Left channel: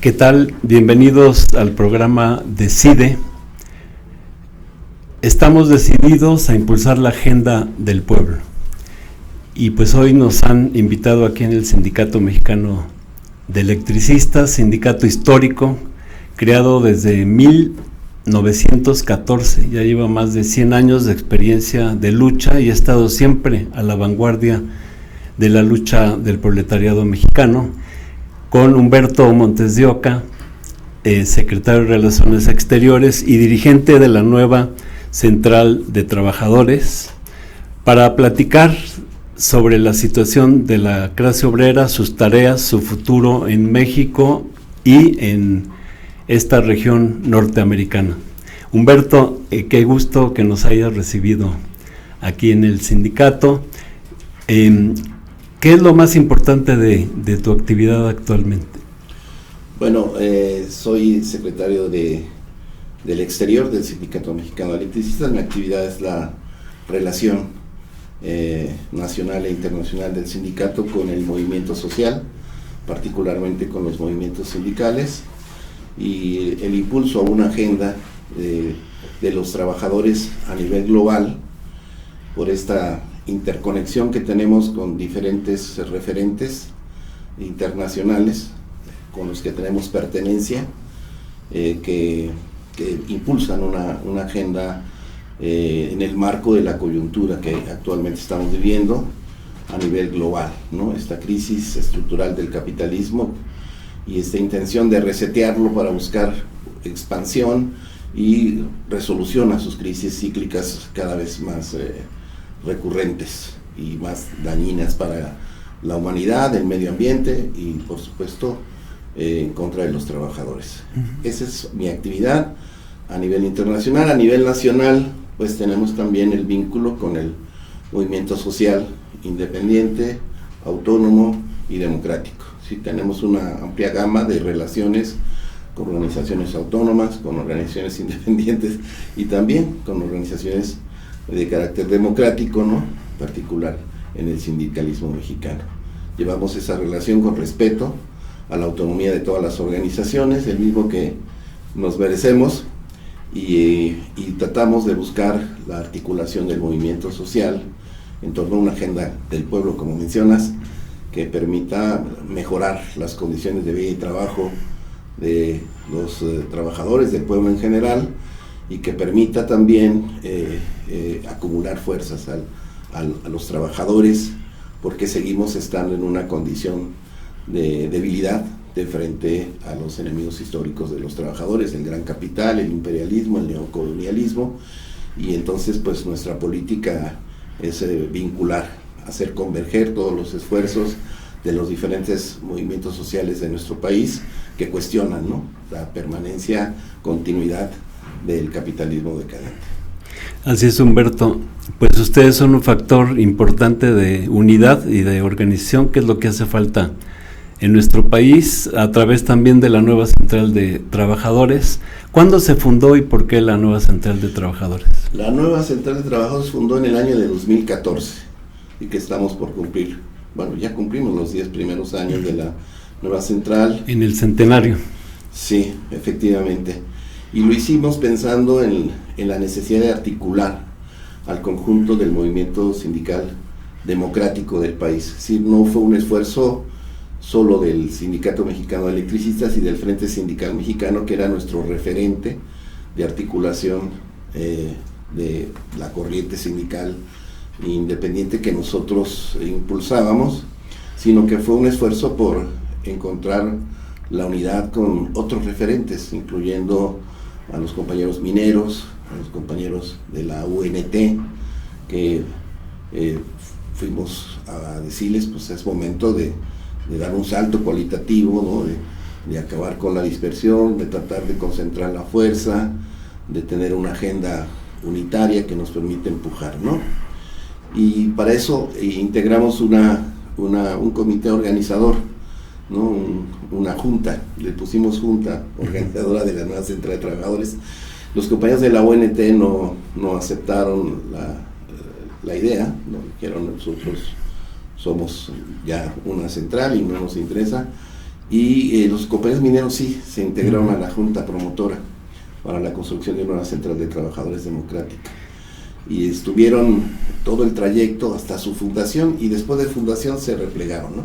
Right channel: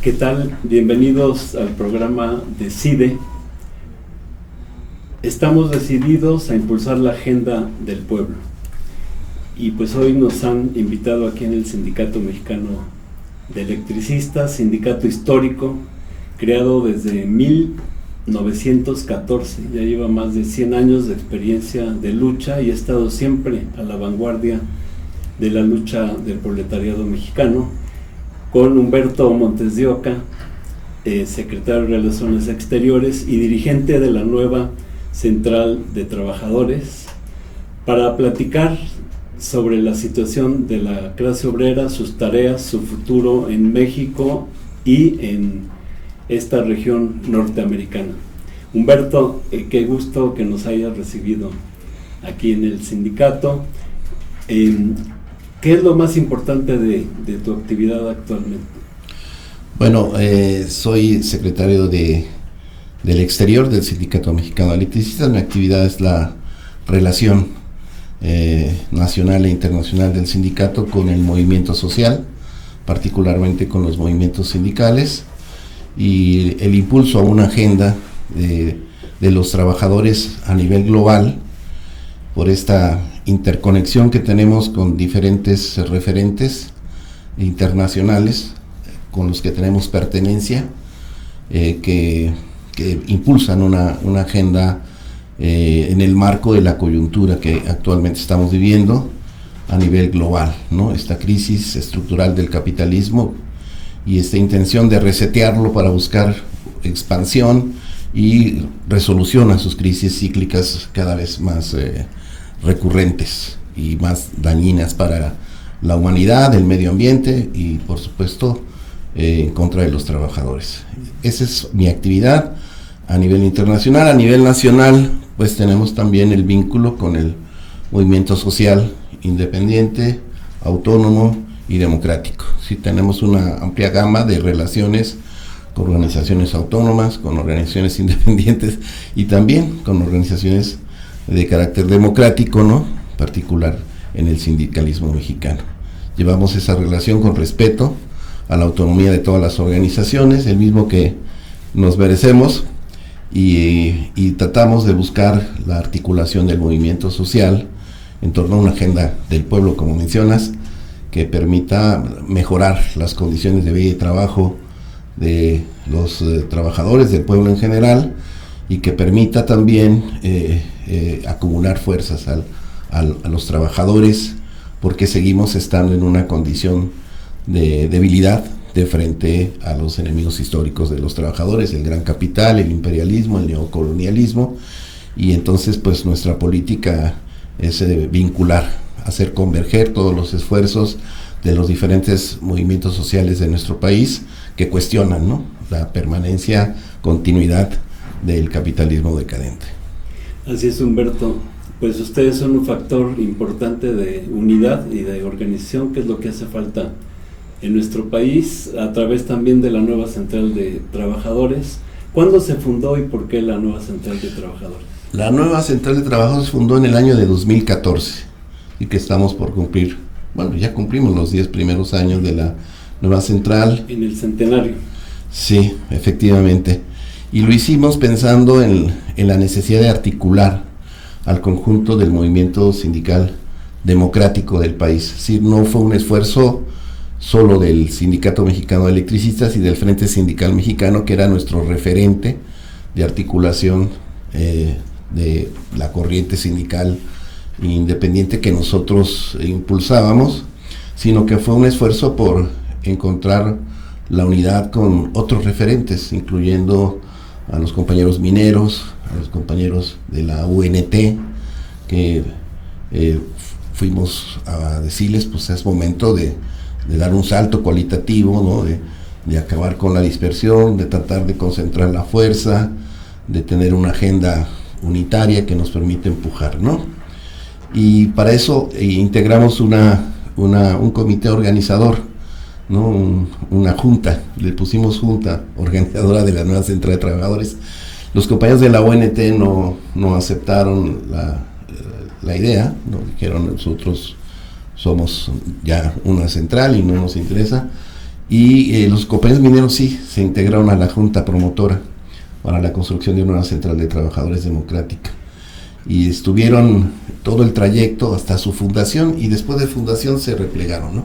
¿Qué tal? Bienvenidos al programa Decide. Estamos decididos a impulsar la agenda del pueblo. Y pues hoy nos han invitado aquí en el Sindicato Mexicano de Electricistas, sindicato histórico, creado desde 1914. Ya lleva más de 100 años de experiencia de lucha y ha estado siempre a la vanguardia de la lucha del proletariado mexicano, con Humberto Montes de Oca, secretario de Relaciones Exteriores y dirigente de la nueva Central de Trabajadores, para platicar sobre la situación de la clase obrera, sus tareas, su futuro en México y en esta región norteamericana. Humberto, qué gusto que nos hayas recibido aquí en el sindicato. ¿Qué es lo más importante de tu actividad actualmente? Bueno, soy secretario del exterior del Sindicato Mexicano de Electricistas. Mi actividad es la relación nacional e internacional del sindicato con el movimiento social, particularmente con los movimientos sindicales, y el impulso a una agenda de los trabajadores a nivel global por esta interconexión que tenemos con diferentes referentes internacionales con los que tenemos pertenencia, que impulsan una agenda en el marco de la coyuntura que actualmente estamos viviendo a nivel global, ¿no? Esta crisis estructural del capitalismo y esta intención de resetearlo para buscar expansión y resolución a sus crisis cíclicas cada vez más recurrentes y más dañinas para la humanidad, el medio ambiente y por supuesto en contra de los trabajadores. Esa es mi actividad a nivel internacional. A nivel nacional pues tenemos también el vínculo con el movimiento social independiente, autónomo y democrático. Sí, tenemos una amplia gama de relaciones con organizaciones autónomas, con organizaciones independientes y también con organizaciones de carácter democrático, ¿no? Particular en el sindicalismo mexicano. Llevamos esa relación con respeto a la autonomía de todas las organizaciones, el mismo que nos merecemos, y tratamos de buscar la articulación del movimiento social en torno a una agenda del pueblo, como mencionas, que permita mejorar las condiciones de vida y trabajo de los trabajadores del pueblo en general, y que permita también acumular fuerzas a los trabajadores, porque seguimos estando en una condición de debilidad de frente a los enemigos históricos de los trabajadores, el gran capital, el imperialismo, el neocolonialismo, y entonces pues nuestra política es vincular, hacer converger todos los esfuerzos de los diferentes movimientos sociales de nuestro país que cuestionan, ¿no?, la permanencia, continuidad del capitalismo decadente. Así es, Humberto. Pues ustedes son un factor importante de unidad y de organización, que es lo que hace falta en nuestro país, a través también de la nueva Central de Trabajadores. ¿Cuándo se fundó y por qué la nueva Central de Trabajadores? La nueva Central de Trabajadores se fundó en el año de 2014 y que estamos por cumplir, bueno, ya cumplimos los 10 primeros años de la nueva central. En el centenario. Sí, efectivamente. Y lo hicimos pensando en la necesidad de articular al conjunto del movimiento sindical democrático del país. Es decir, no fue un esfuerzo solo del Sindicato Mexicano de Electricistas y del Frente Sindical Mexicano, que era nuestro referente de articulación de la corriente sindical independiente que nosotros impulsábamos, sino que fue un esfuerzo por encontrar la unidad con otros referentes, incluyendo a los compañeros mineros, a los compañeros de la UNT, que fuimos a decirles, pues es momento de dar un salto cualitativo, ¿no?, de acabar con la dispersión, de tratar de concentrar la fuerza, de tener una agenda unitaria que nos permite empujar, ¿no? Y para eso integramos un comité organizador, ¿no?, una junta, le pusimos junta organizadora de la nueva Central de Trabajadores. Los compañeros de la ONT no aceptaron la idea, no dijeron, nosotros somos ya una central y no nos interesa, Y los compañeros mineros sí se integraron a la Junta Promotora para la construcción de una nueva central de trabajadores democrática. Y estuvieron todo el trayecto hasta su fundación, y después de fundación se replegaron, ¿no?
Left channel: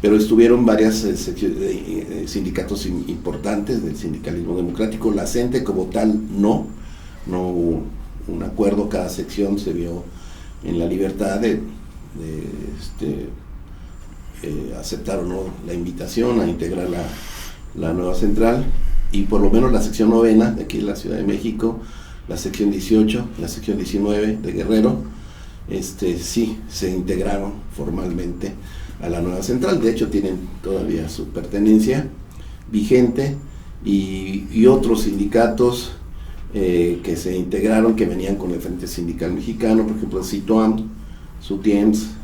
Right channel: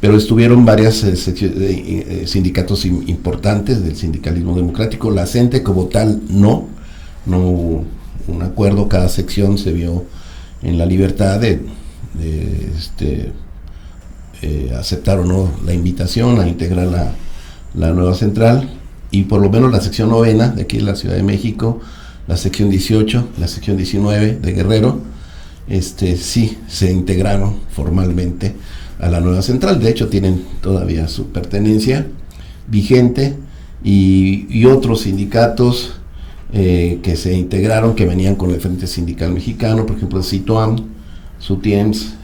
Pero estuvieron varios sindicatos importantes del sindicalismo democrático. La CENTE como tal no hubo un acuerdo, cada sección se vio en la libertad de aceptar o no la invitación a integrar la nueva central, y por lo menos la sección 9 de aquí de la Ciudad de México, la sección 18, la sección 19 de Guerrero, sí se integraron formalmente a la nueva central. De hecho tienen todavía su pertenencia vigente, y otros sindicatos que se integraron, que venían con el Frente Sindical Mexicano, por ejemplo el CITOAM, SUTIEMS,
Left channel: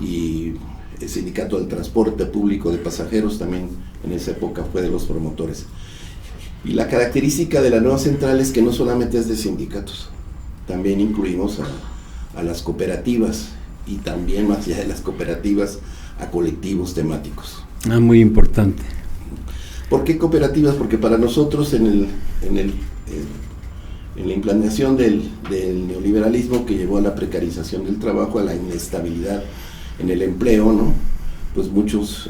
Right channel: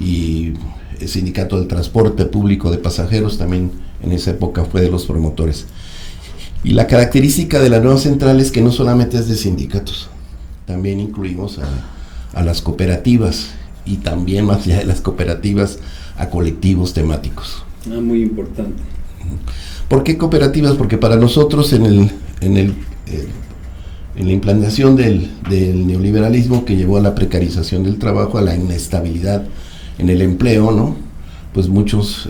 y el Sindicato del Transporte Público de Pasajeros también en esa época fue de los promotores. Y la característica de la nueva central es que no solamente es de sindicatos, también incluimos a las cooperativas, y también más allá de las cooperativas a colectivos temáticos. Muy importante. ¿Por qué cooperativas? Porque para nosotros en la implantación del neoliberalismo, que llevó a la precarización del trabajo, a la inestabilidad en el empleo, ¿no? Pues muchos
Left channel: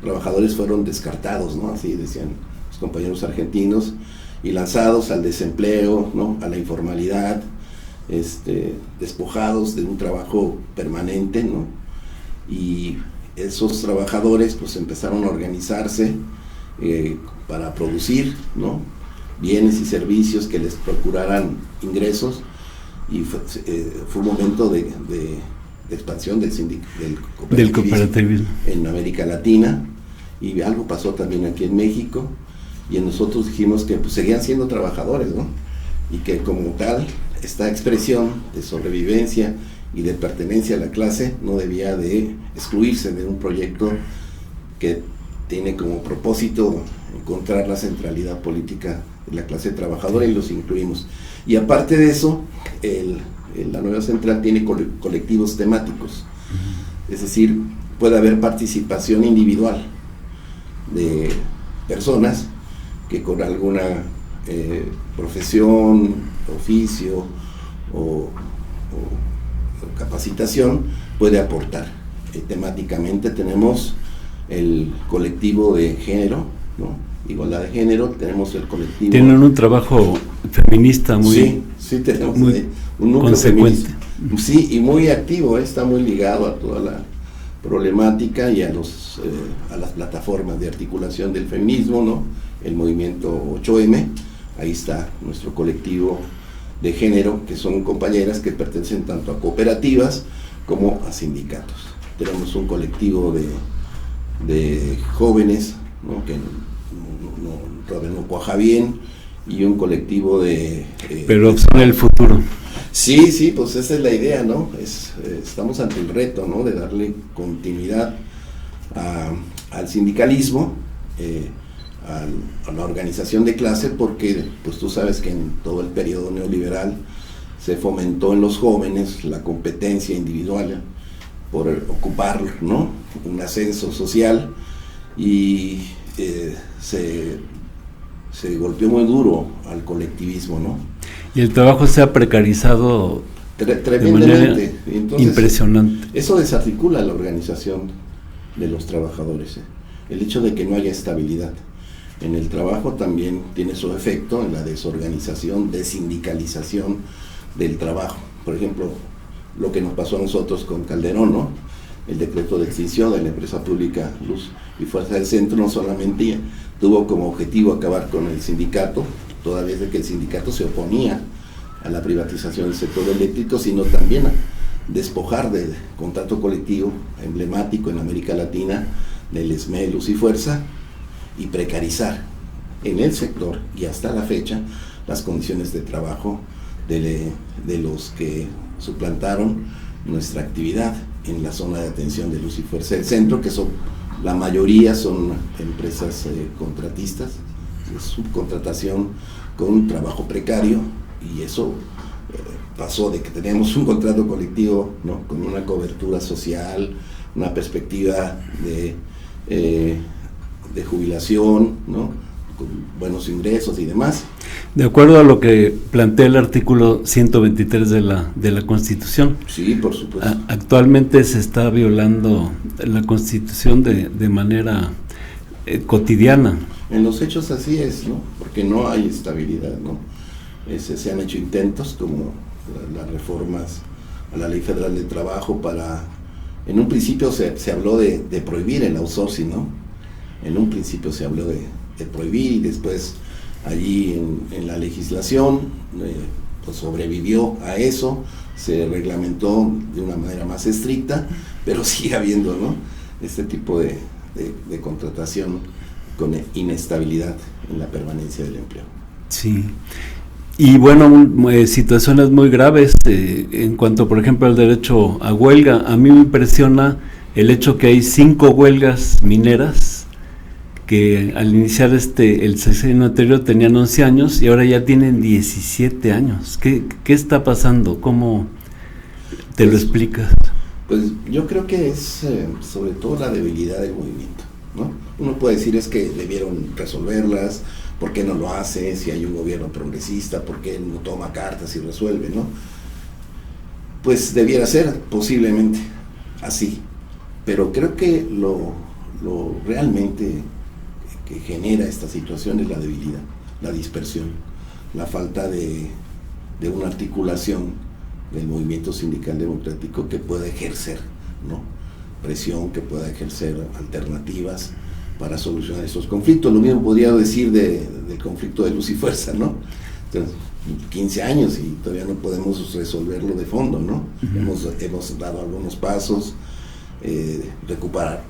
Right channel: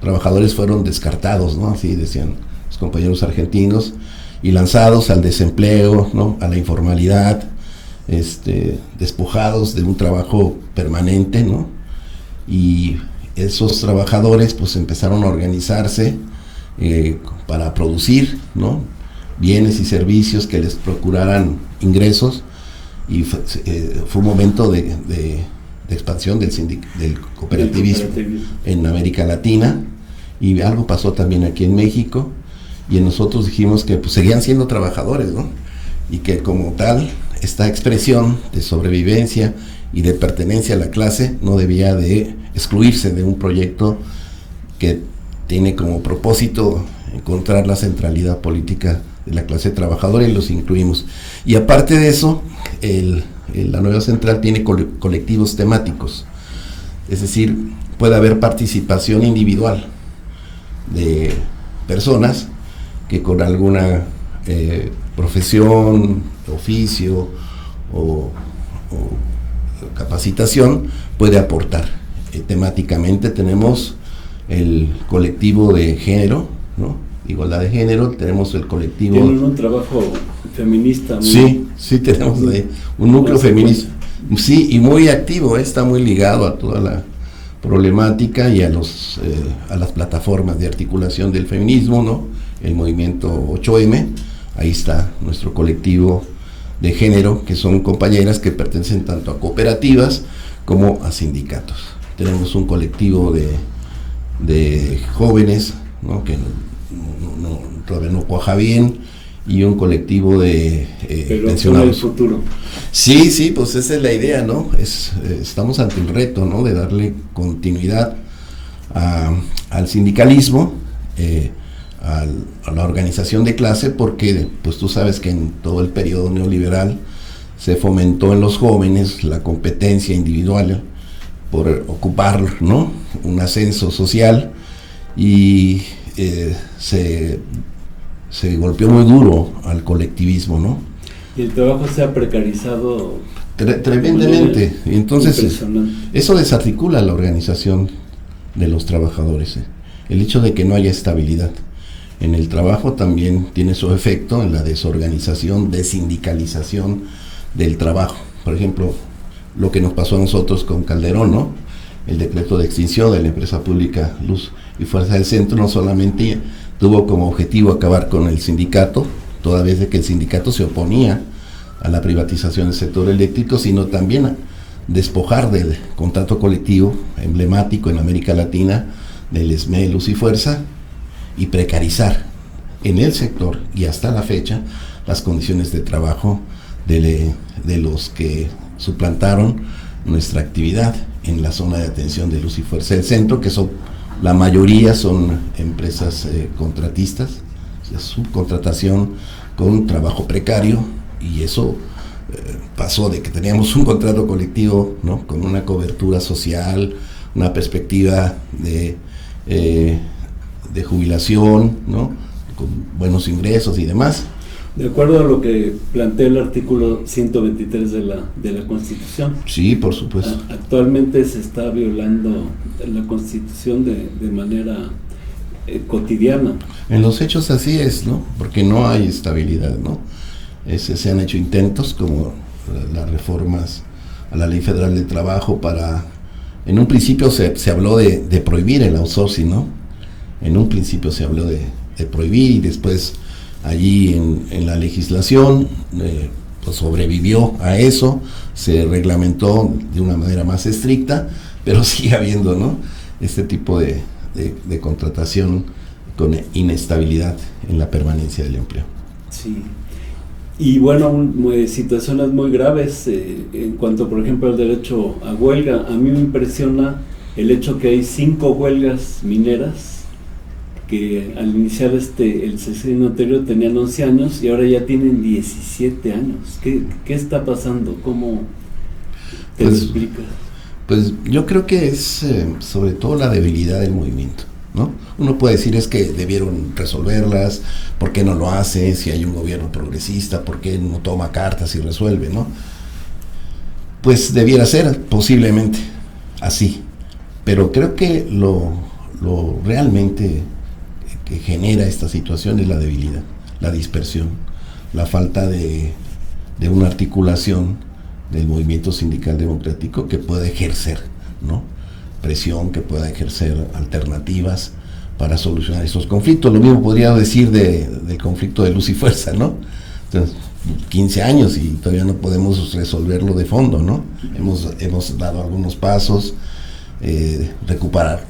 trabajadores fueron descartados, ¿no? Así decían los compañeros argentinos, y lanzados al desempleo, ¿no? A la informalidad, despojados de un trabajo permanente, ¿no? Y esos trabajadores pues empezaron a organizarse para producir, ¿no? Bienes y servicios que les procuraran ingresos, y fue un momento de expansión del cooperativismo en América Latina, y algo pasó también aquí en México, y nosotros dijimos que pues seguían siendo trabajadores, ¿no? Y que como tal esta expresión de sobrevivencia y de pertenencia a la clase no debía de excluirse de un proyecto que tiene como propósito encontrar la centralidad política de la clase trabajadora, y los incluimos. Y aparte de eso, la nueva central tiene colectivos temáticos, es decir, puede haber participación individual de personas que con alguna profesión, oficio o capacitación puede aportar. Temáticamente tenemos el colectivo de género, ¿no? Igualdad de género, tenemos el colectivo... Tienen un trabajo feminista muy... Sí, tenemos un núcleo feminista. Sí, y muy activo, está muy ligado a toda la problemática y a las plataformas de articulación del feminismo, ¿no? El movimiento 8M, ahí está nuestro colectivo de género, que son compañeras que pertenecen tanto a cooperativas como a sindicatos. Tenemos un colectivo de jóvenes, ¿no? Que todavía no cuaja bien, y un colectivo de pero son el futuro. Sí, pues esa es la idea, ¿no? Estamos ante el reto, ¿no? De darle continuidad al sindicalismo, a la organización de clase, porque pues tú sabes que en todo el periodo neoliberal se fomentó en los jóvenes la competencia individual por ocupar, ¿no? Un ascenso social, y se golpeó muy duro al colectivismo, ¿no? Y el trabajo se ha precarizado tremendamente. Y entonces, impresionante. Eso desarticula la organización de los trabajadores. El hecho de que no haya estabilidad en el trabajo también tiene su efecto en la desorganización, desindicalización del trabajo. Por ejemplo, lo que nos pasó a nosotros con Calderón, ¿no? El decreto de extinción de la empresa pública Luz y Fuerza del Centro no solamente tuvo como objetivo acabar con el sindicato, toda vez de que el sindicato se oponía a la privatización del sector eléctrico, sino también a despojar del contrato colectivo emblemático en América Latina del SME, Luz y Fuerza, y precarizar en el sector y hasta la fecha las condiciones de trabajo de los que suplantaron nuestra actividad en la zona de atención de Luz y Fuerza del Centro, que son la mayoría son empresas contratistas, subcontratación con trabajo precario, y eso pasó de que teníamos un contrato colectivo, ¿no? Con una cobertura social, una perspectiva de jubilación, ¿no? Con buenos ingresos y demás. De acuerdo a lo que plantea el artículo 123 de la Constitución. Sí, por supuesto. Actualmente se está violando la Constitución de manera cotidiana. En los hechos así es, ¿no? Porque no hay estabilidad, ¿no? Se han hecho intentos como las reformas a la Ley Federal de Trabajo para... En un principio se habló de prohibir el outsourcing, ¿no? En un principio se habló de prohibir, y después allí en la legislación pues sobrevivió a eso, se reglamentó de una manera más estricta, pero sigue habiendo, ¿no? Este tipo de contratación con inestabilidad en la permanencia del empleo. Sí. Y bueno, situaciones muy graves en cuanto, por ejemplo, al derecho a huelga. A mí me impresiona el hecho que hay 5 huelgas mineras que al iniciar el sexenio anterior tenían 11 años y ahora ya tienen 17 años. ¿Qué está pasando? ¿Cómo te lo explicas? Pues yo creo que es sobre todo la debilidad del movimiento, ¿no? Uno puede decir es que debieron resolverlas, ¿por qué no lo hace? Si hay un gobierno progresista, ¿por qué no toma cartas y resuelve, no? Pues debiera ser posiblemente así, pero creo que lo realmente que genera esta situación es la debilidad, la dispersión, la falta de una articulación del movimiento sindical democrático que pueda ejercer, ¿no? Presión, que pueda ejercer alternativas para solucionar esos conflictos. Lo mismo podría decir del conflicto de luz y fuerza, ¿no? Entonces, 15 años y todavía no podemos resolverlo de fondo, ¿no? Hemos dado algunos pasos,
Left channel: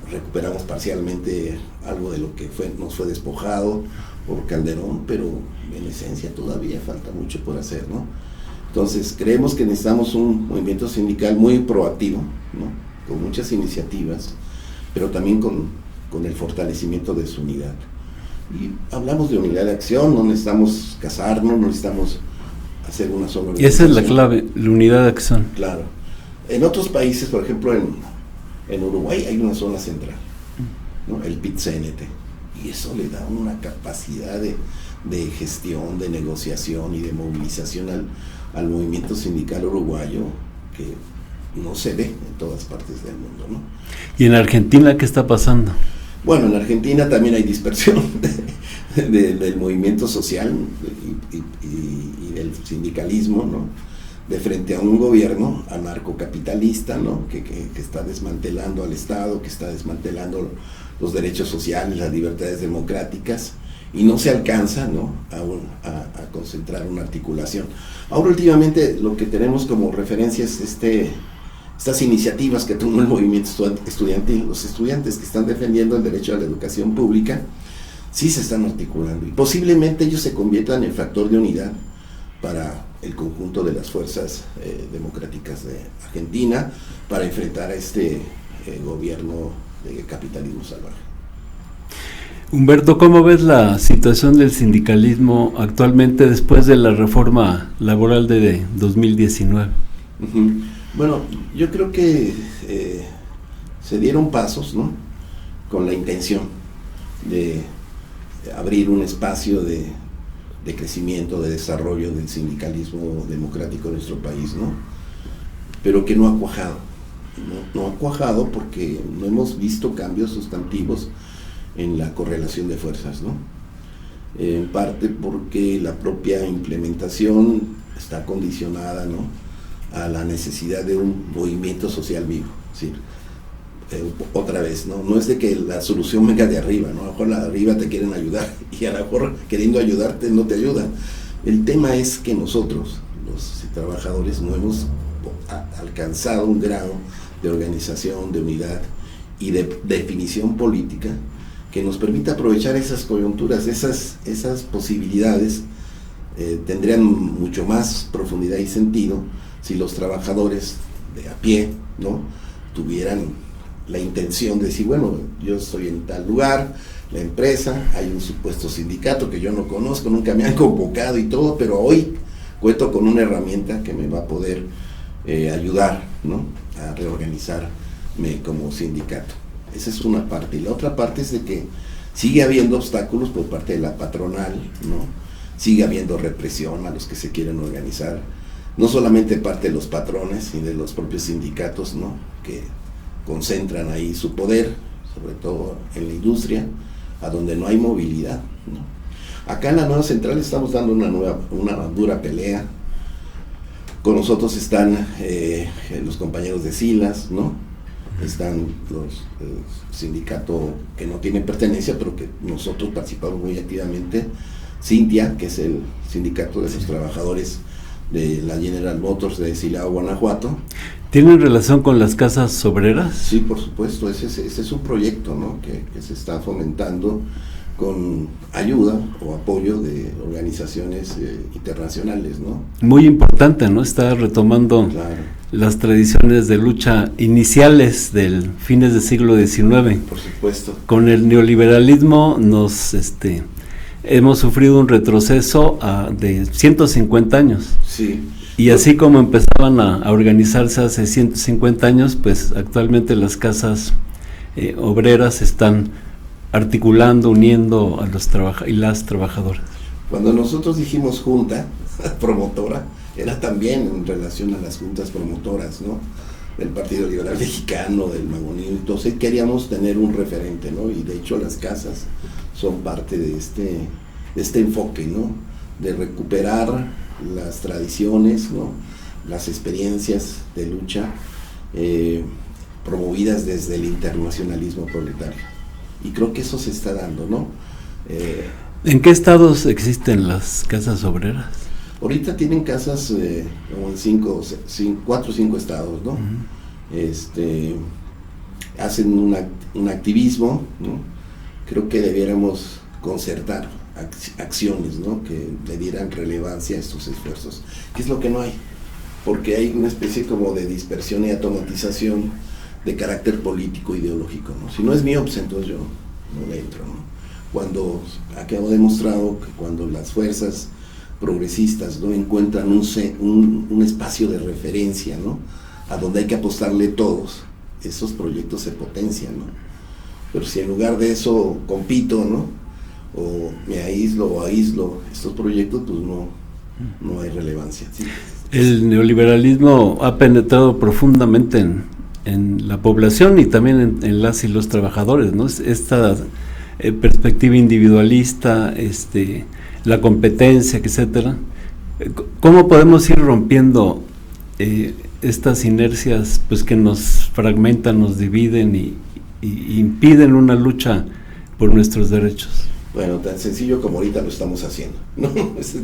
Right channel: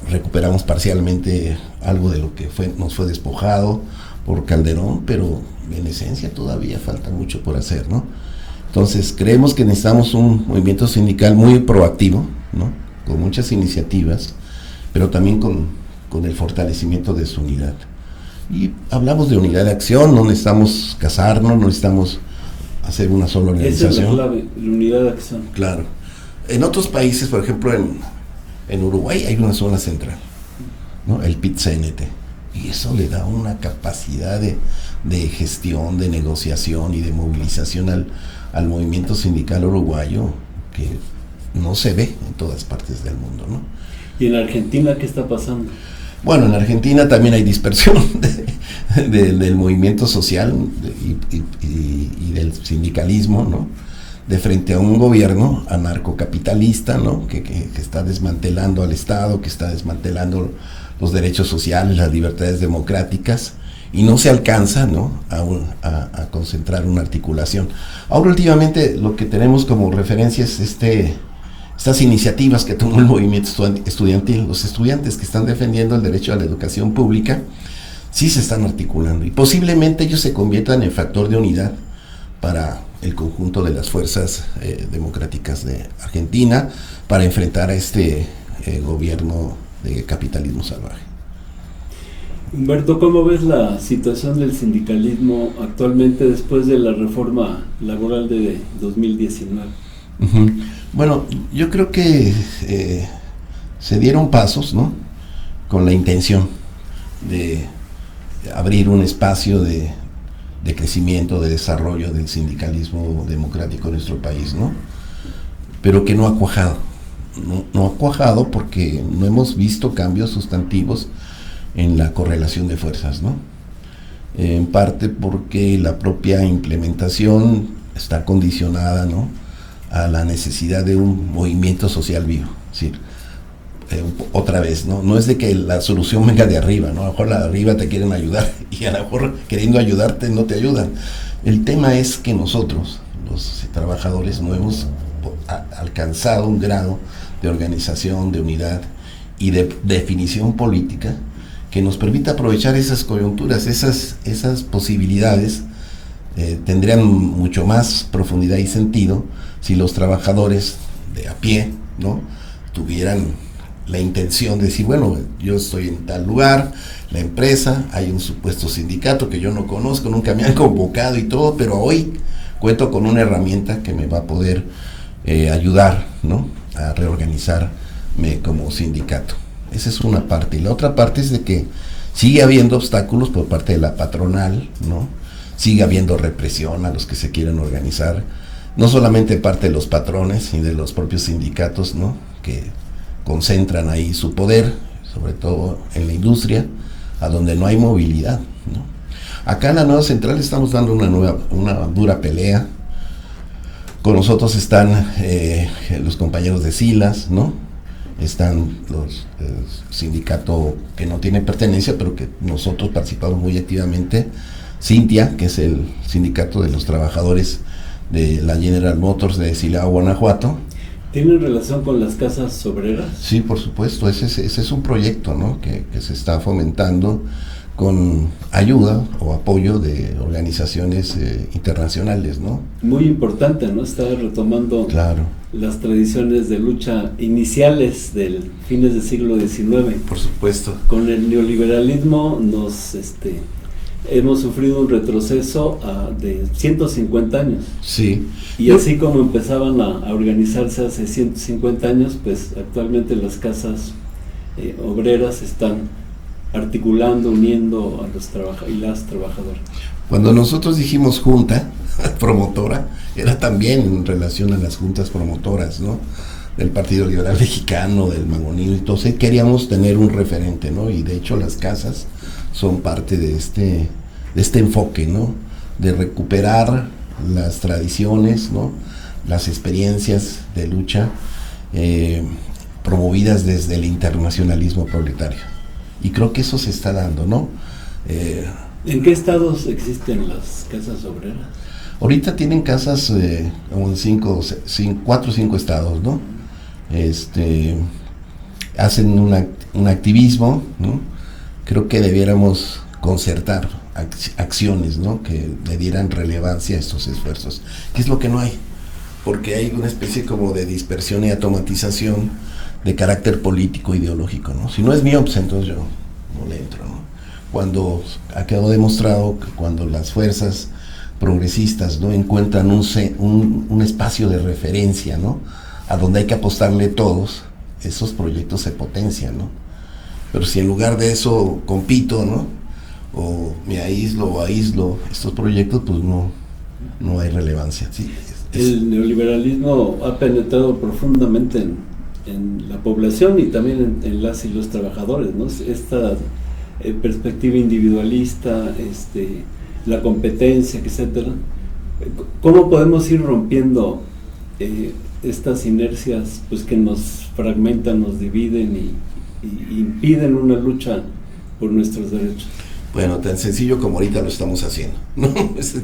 recuperamos parcialmente algo de lo que nos fue despojado por Calderón, pero en esencia todavía falta mucho por hacer, ¿no? Entonces creemos que necesitamos un movimiento sindical muy proactivo, ¿no? Con muchas iniciativas, pero también con el fortalecimiento de su unidad. Y hablamos de unidad de acción, no necesitamos casarnos, no necesitamos hacer una sola organización. Esa es la clave, la unidad de acción. Claro. En otros países, por ejemplo en Uruguay hay una zona central, ¿no? El PIT-CNT, y eso le da una capacidad de gestión, de negociación y de movilización al movimiento sindical uruguayo que no se ve en todas partes del mundo, ¿no? ¿Y en Argentina qué está pasando? Bueno, en Argentina también hay dispersión del movimiento social y del sindicalismo, ¿no? De frente a un gobierno anarcocapitalista, ¿no? Que está desmantelando al Estado, que está desmantelando los derechos sociales, las libertades democráticas, y no se alcanza, ¿no? a concentrar una articulación. Ahora últimamente lo que tenemos como referencia es estas iniciativas que tomó el movimiento estudiantil. Los estudiantes que están defendiendo el derecho a la educación pública sí se están articulando, y posiblemente ellos se conviertan en factor de unidad para el conjunto de las fuerzas democráticas de Argentina para enfrentar a este gobierno de capitalismo salvaje. Humberto, ¿cómo ves la situación del sindicalismo actualmente después de la reforma laboral de 2019? Uh-huh. Bueno, yo creo que se dieron pasos, ¿no? Con la intención de abrir un espacio de crecimiento, de desarrollo del sindicalismo democrático en nuestro país, ¿no? Pero que no ha cuajado. No ha cuajado porque no hemos visto cambios sustantivos en la correlación de fuerzas, ¿no? En parte porque la propia implementación está condicionada, ¿no? A la necesidad de un movimiento social vivo. Es decir, otra vez, ¿no? No es de que la solución venga de arriba, ¿no? A lo mejor la de arriba te quieren ayudar y a lo mejor queriendo ayudarte no te ayudan. El tema es que nosotros, los trabajadores, no hemos alcanzado un grado de organización, de unidad y de definición política que nos permita aprovechar esas coyunturas, esas posibilidades. Tendrían mucho más profundidad y sentido si los trabajadores de a pie, ¿no? Tuvieran la intención de decir, bueno, yo estoy en tal lugar, la empresa, hay un supuesto sindicato que yo no conozco, nunca me han convocado y todo, pero hoy cuento con una herramienta que me va a poder ayudar, ¿no? A reorganizar como sindicato. Esa es una parte. Y la otra parte es de que sigue habiendo obstáculos por parte de la patronal, ¿no? Sigue habiendo represión a los que se quieren organizar, no solamente parte de los patrones y de los propios sindicatos, ¿no? Que concentran ahí su poder, sobre todo en la industria, a donde no hay movilidad, ¿no? Acá en la nueva central estamos dando una dura pelea. Con nosotros están los compañeros de Silas, ¿no? Están los sindicato que no tiene pertenencia, pero que nosotros participamos muy activamente, Cintia, que es el sindicato de los trabajadores de la General Motors de Silao, Guanajuato. ¿Tienen relación con las casas obreras? Sí, por supuesto, ese es un proyecto, ¿no? que se está fomentando con ayuda o apoyo de organizaciones internacionales, ¿no? Muy importante, ¿no? Está retomando las tradiciones de lucha iniciales del fines del siglo XIX. Por supuesto. Con el neoliberalismo hemos sufrido un retroceso de 150 años. Sí. Y así como empezaban a organizarse hace 150 años, pues actualmente las casas obreras están articulando, uniendo a los las trabajadoras. Cuando nosotros dijimos junta promotora, era también en relación a las juntas promotoras, ¿no? Del Partido Liberal Mexicano, del Mangonil, entonces queríamos tener un referente, ¿no? Y de hecho las casas son parte de este enfoque, ¿no? De recuperar las tradiciones, ¿no? Las experiencias de lucha promovidas desde el internacionalismo proletario. Y creo que eso se está dando, ¿no? ¿En qué estados existen las casas obreras? Ahorita tienen casas como en 4 o 5 estados, ¿no? Hacen un activismo, ¿no? Creo que debiéramos concertar acciones, ¿no? Que le dieran relevancia a estos esfuerzos. ¿Qué es lo que no hay? Porque hay una especie como de dispersión y automatización de carácter político ideológico, ¿no? Si no es mío, pues entonces yo no le entro, ¿no? Cuando ha quedado demostrado que cuando las fuerzas progresistas no encuentran un espacio de referencia, ¿no? A donde hay que apostarle todos, esos proyectos se potencian, ¿no? Pero si en lugar de eso compito, ¿no? O me aíslo estos proyectos, pues no hay relevancia, ¿sí? El neoliberalismo ha penetrado profundamente en la población y también en las y los trabajadores, ¿no? Esta perspectiva individualista, la competencia, etcétera. ¿Cómo podemos ir rompiendo estas inercias, pues, que nos fragmentan, nos dividen y impiden una lucha por nuestros derechos? Bueno, tan sencillo como ahorita lo estamos haciendo, ¿no?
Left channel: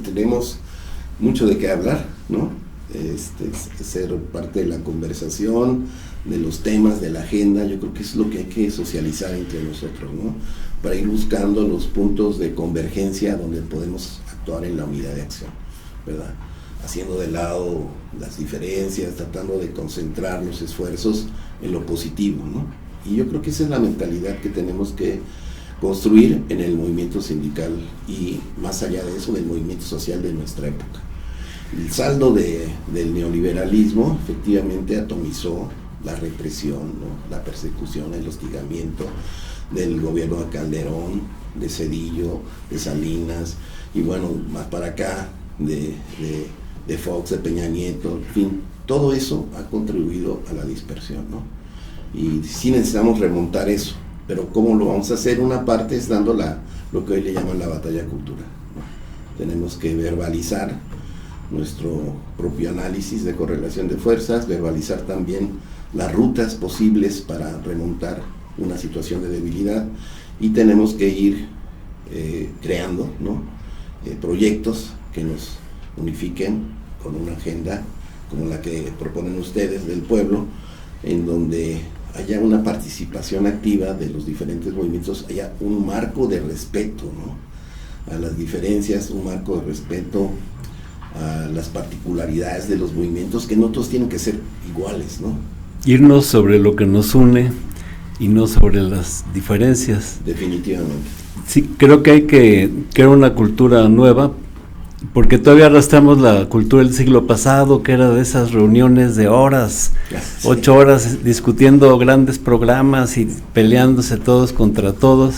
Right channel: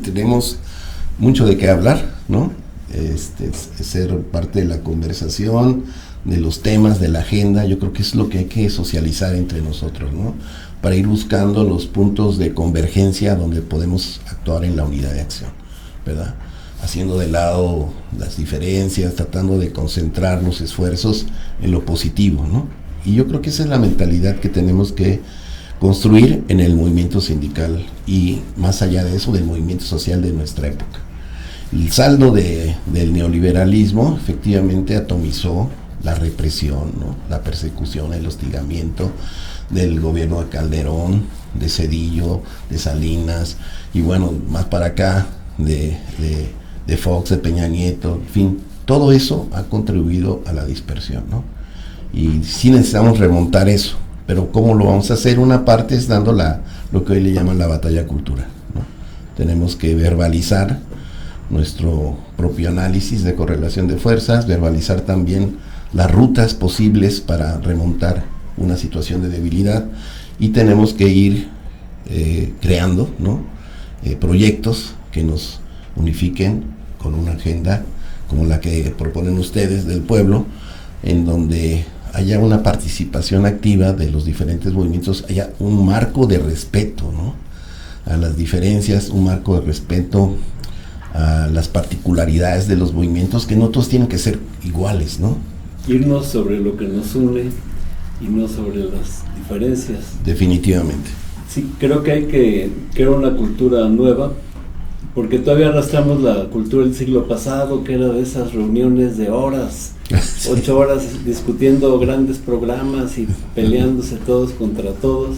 Tenemos mucho de qué hablar, ¿no? Ser parte de la conversación, de los temas, de la agenda. Yo creo que es lo que hay que socializar entre nosotros, ¿no? Para ir buscando los puntos de convergencia donde podemos actuar en la unidad de acción, ¿verdad? Haciendo de lado las diferencias, tratando de concentrar los esfuerzos en lo positivo, ¿no? Y yo creo que esa es la mentalidad que tenemos que construir en el movimiento sindical y, más allá de eso, del movimiento social de nuestra época. El saldo del neoliberalismo efectivamente atomizó la represión, ¿no? La persecución, el hostigamiento del gobierno de Calderón, de Zedillo, de Salinas, y bueno, más para acá, de Fox, de Peña Nieto, en fin, todo eso ha contribuido a la dispersión, ¿no? Y sí necesitamos remontar eso, pero ¿cómo lo vamos a hacer? Una parte es dando lo que hoy le llaman la batalla cultural, ¿no? Tenemos que verbalizar nuestro propio análisis de correlación de fuerzas, verbalizar también las rutas posibles para remontar una situación de debilidad, y tenemos que ir creando, ¿no? Proyectos que nos unifiquen con una agenda como la que proponen ustedes del pueblo, en donde haya una participación activa de los diferentes movimientos, haya un marco de respeto, ¿no? A las diferencias, un marco de respeto a las particularidades de los movimientos, que no todos tienen que ser iguales, ¿no? Irnos sobre lo que nos une y no sobre las diferencias. Definitivamente. Sí, creo que hay que crear una cultura nueva porque todavía arrastramos la cultura del siglo pasado, que era de esas reuniones de horas, 8 horas discutiendo grandes programas y peleándose todos contra todos,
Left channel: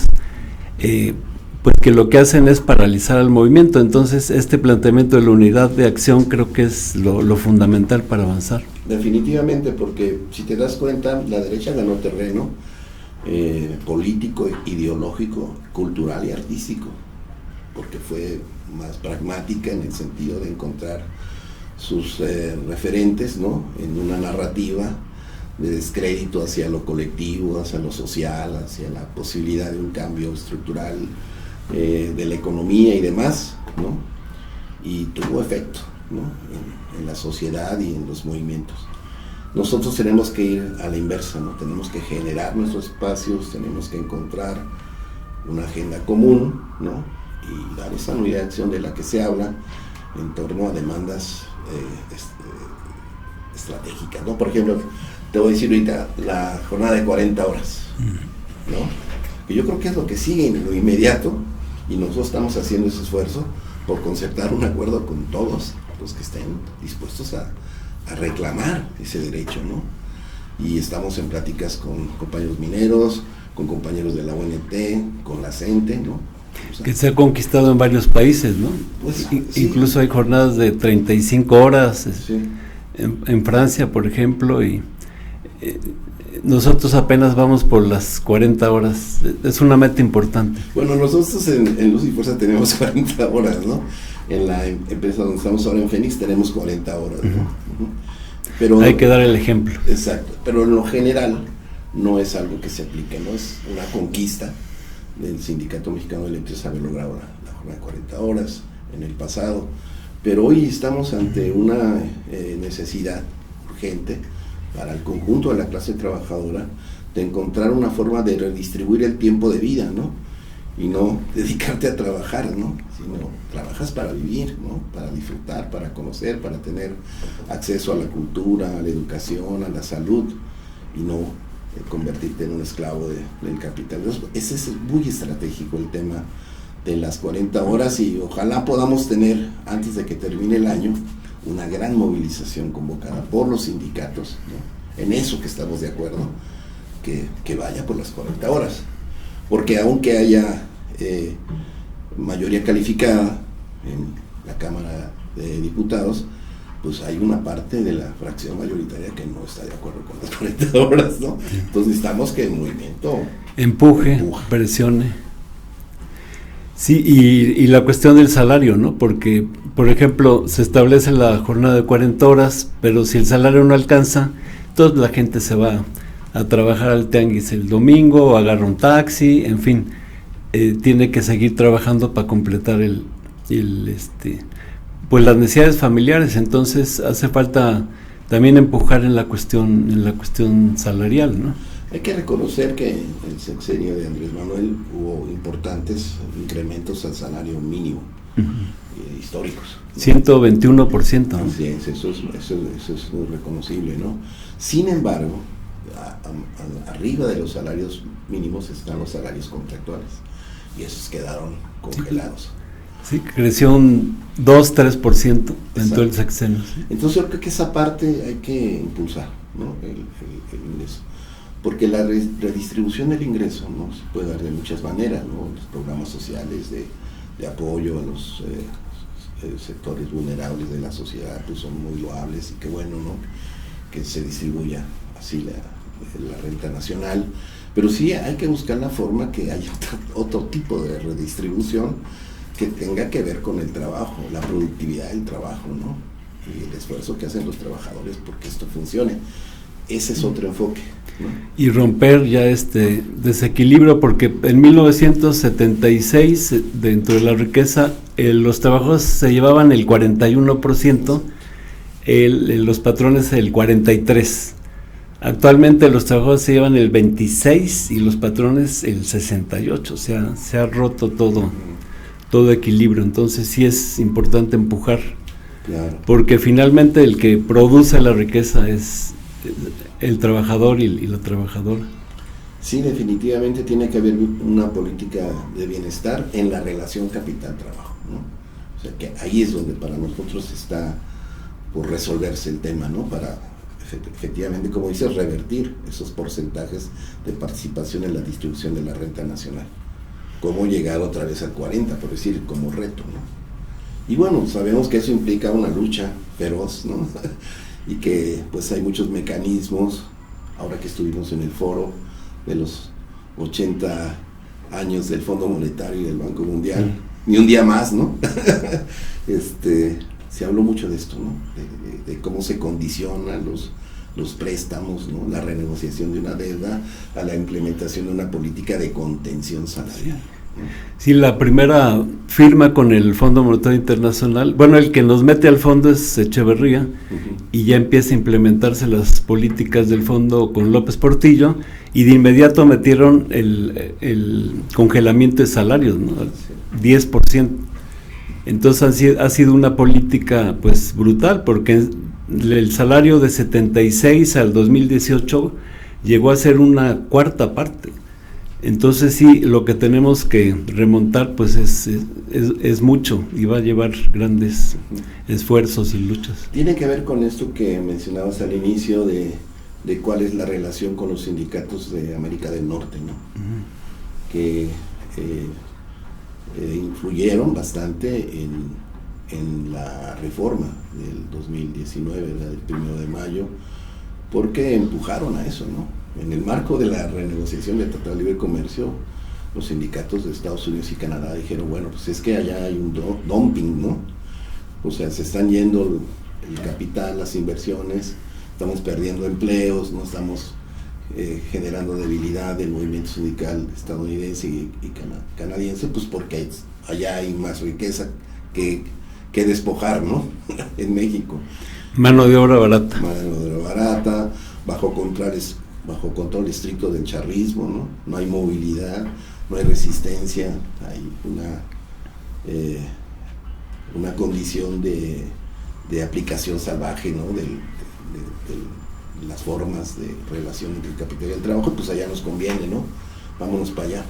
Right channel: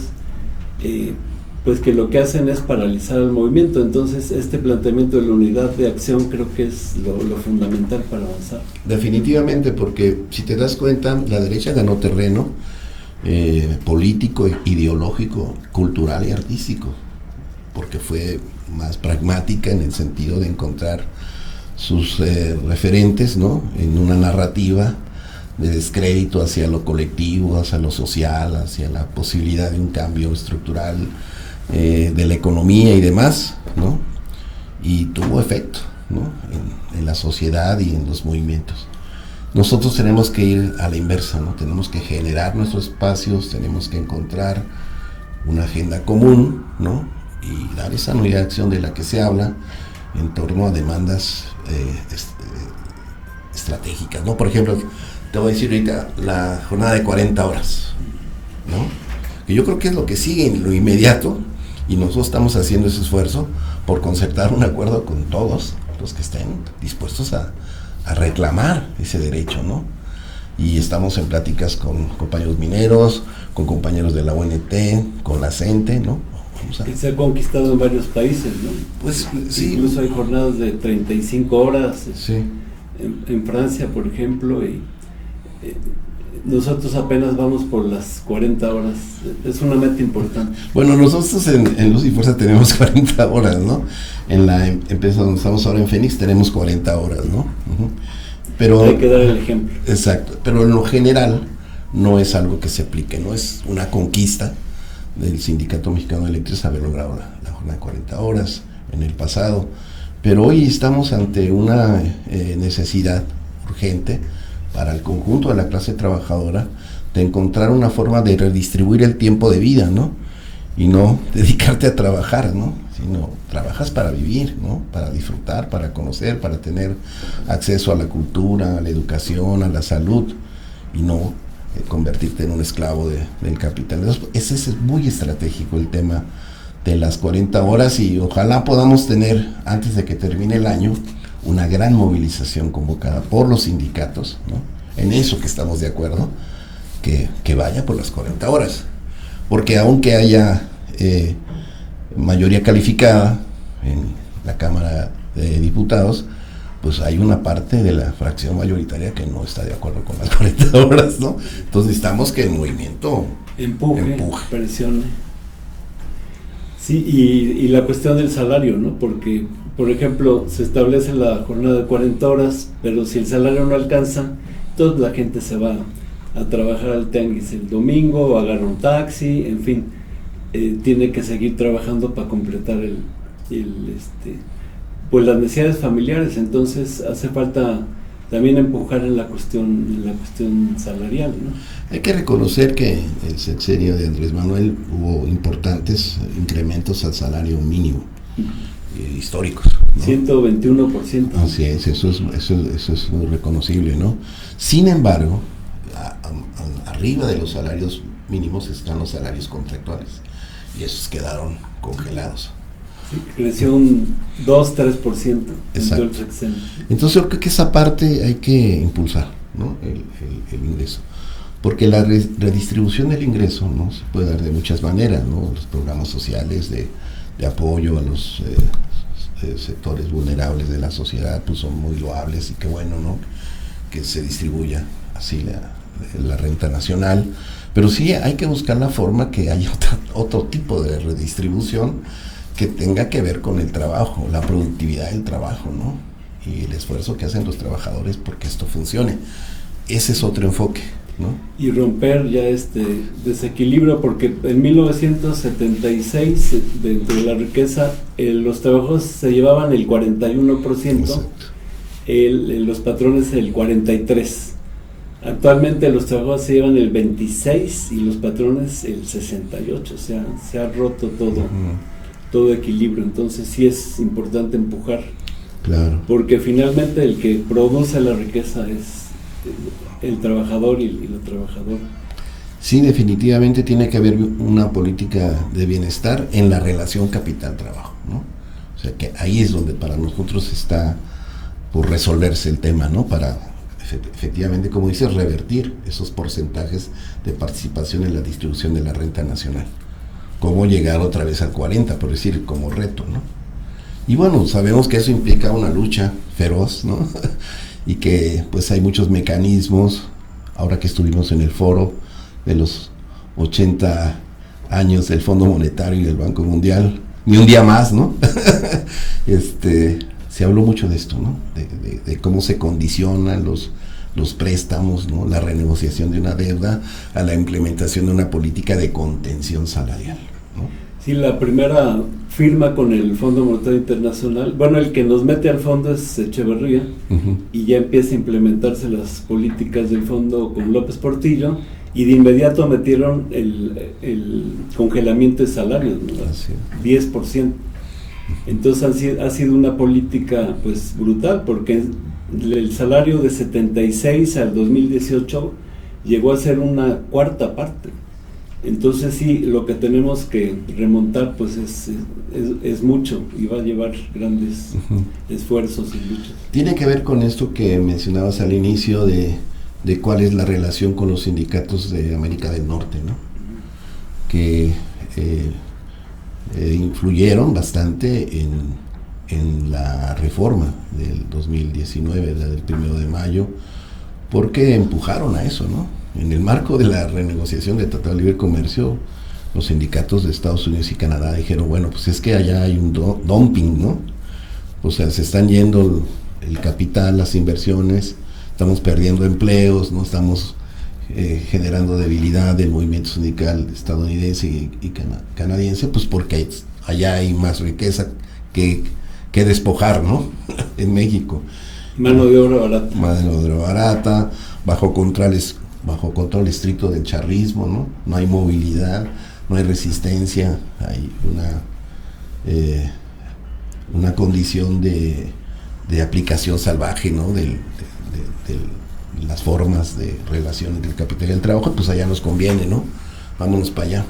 pues que lo que hacen es paralizar el movimiento. Entonces este planteamiento de la unidad de acción creo que es lo fundamental para avanzar. Definitivamente, porque si te das cuenta, la derecha ganó terreno político, ideológico, cultural y artístico, porque fue más pragmática en el sentido de encontrar sus referentes, ¿no?, en una narrativa de descrédito hacia lo colectivo, hacia lo social, hacia la posibilidad de un cambio estructural de la economía y demás, ¿no? Y tuvo efecto, ¿no?, en la sociedad y en los movimientos. Nosotros tenemos que ir a la inversa, ¿no? Tenemos que generar nuestros espacios, tenemos que encontrar una agenda común, ¿no?, y dar esa unidad de acción de la que se habla en torno a demandas estratégicas, ¿no? Por ejemplo, te voy a decir ahorita la jornada de 40 horas, ¿no?, que yo creo que es lo que sigue en lo inmediato, y nosotros estamos haciendo ese esfuerzo por concertar un acuerdo con todos los que estén dispuestos a reclamar ese derecho, ¿no? Y estamos en pláticas con compañeros mineros, con compañeros de la UNT, con la CENTE, ¿no? O sea, que se ha conquistado en varios países, ¿no? Pues sí. Incluso hay jornadas de 35 horas sí. en Francia, por ejemplo, y nosotros apenas vamos por las 40 horas. Es una meta importante. Bueno, nosotros en Luz y Fuerza tenemos 40 horas, ¿no? En la empresa donde estamos ahora en Fénix tenemos 40 horas, ¿no? Uh-huh. Pero hay que dar el ejemplo. Exacto, pero en lo general no es algo que se aplique, no es una conquista del Sindicato Mexicano de Electricidad haber logrado la jornada de 40 horas en el pasado, pero hoy estamos ante una necesidad urgente para el conjunto de la clase trabajadora de encontrar una forma de redistribuir el tiempo de vida, ¿no? Y no dedicarte a trabajar, ¿no?, sino trabajas para vivir, ¿no?, para disfrutar, para conocer, para tener acceso a la cultura, a la educación, a la salud, y no convertirte en un esclavo del capital. Entonces, ese es muy estratégico el tema de las 40 horas, y ojalá podamos tener, antes de que termine el año, una gran movilización convocada por los sindicatos, ¿no?, en eso que estamos de acuerdo, que vaya por las 40 horas, porque aunque haya mayoría calificada en la Cámara de Diputados, pues hay una parte de la fracción mayoritaria que no está de acuerdo con las 40 horas, ¿no? Entonces necesitamos que el movimiento empuje. Presione. Sí, y la cuestión del salario, ¿no? Porque, por ejemplo, se establece la jornada de 40 horas, pero si el salario no alcanza, toda la gente se va a trabajar al tianguis el domingo, agarra un taxi, en fin, tiene que seguir trabajando para completar pues las necesidades familiares. Entonces hace falta también empujar en la cuestión salarial, ¿no? Hay que reconocer que en el sexenio de Andrés Manuel hubo importantes incrementos al salario mínimo, históricos, ¿no? 121%. Así es, eso es muy reconocible, ¿no? Sin embargo, arriba de los salarios mínimos están los salarios contractuales, y esos quedaron congelados. Sí, creció un 2-3% en todo el sexenio. Entonces yo creo que esa parte hay que impulsar, ¿no?, el ingreso, porque la redistribución del ingreso, ¿no?, se puede dar de muchas maneras, ¿no? Los programas sociales de apoyo a los sectores vulnerables de la sociedad pues son muy loables, y qué bueno, ¿no?, que se distribuya así la renta nacional, pero sí hay que buscar la forma que haya otro tipo de redistribución que tenga que ver con el trabajo, la productividad del trabajo, ¿no?, y el esfuerzo que hacen los trabajadores porque esto funcione. Ese es otro enfoque, ¿no? Y romper ya este desequilibrio, porque en 1976, dentro de la riqueza, los trabajadores se llevaban el 41%, los patrones el 43%. Actualmente los trabajadores se llevan el 26% y los patrones el 68%, o sea, se ha roto todo equilibrio. Entonces sí es importante empujar, claro, porque finalmente el que produce la riqueza es el trabajador y la trabajadora. Sí, definitivamente tiene que haber una política de bienestar en la relación capital-trabajo, ¿no? O O sea que ahí es donde para nosotros está por resolverse el tema, ¿no? Para efectivamente, como dices, revertir esos porcentajes de participación en la distribución de la renta nacional. Cómo llegar otra vez al 40, por decir, como reto, ¿no? Y bueno, sabemos que eso implica una lucha feroz, ¿no? Y que pues hay muchos mecanismos. Ahora que estuvimos en el foro de los 80 años del Fondo Monetario y del Banco Mundial, ni un día más, ¿no? Se habló mucho de esto, ¿no? De cómo se condicionan los préstamos, ¿no? La renegociación de una deuda a la implementación de una política de contención salarial, ¿no? Sí, la primera firma con el Fondo Monetario Internacional, bueno, el que nos mete al fondo es Echeverría, y ya empieza a implementarse las políticas del fondo con López Portillo, y de inmediato metieron el congelamiento de salarios, ¿no? 10%. Entonces ha sido una política pues brutal, porque el salario de 76 al 2018 llegó a ser una cuarta parte. Entonces sí, lo que tenemos que remontar pues es mucho, y va a llevar grandes esfuerzos y luchas. Tiene que ver con esto que mencionabas al inicio de cuál es la relación con los sindicatos de América del Norte, ¿no? Que influyeron bastante en la reforma del 2019, la del 1 de mayo, porque empujaron a eso, ¿no? En el marco de la renegociación del Tratado de Libre Comercio, los sindicatos de Estados Unidos y Canadá dijeron, bueno, pues es que allá hay un dumping, ¿no? O sea, se están yendo el capital, las inversiones, estamos perdiendo empleos, no estamos generando debilidad del movimiento sindical estadounidense y canadiense, pues porque allá hay más riqueza que despojar, ¿no? En México. Mano de obra barata. Mano de obra barata, bajo control estricto del charrismo, ¿no? No hay movilidad, no hay resistencia, hay una condición de aplicación salvaje, ¿no? De las formas de relación entre el capital y el trabajo. Pues allá nos conviene, ¿no? Vámonos para allá.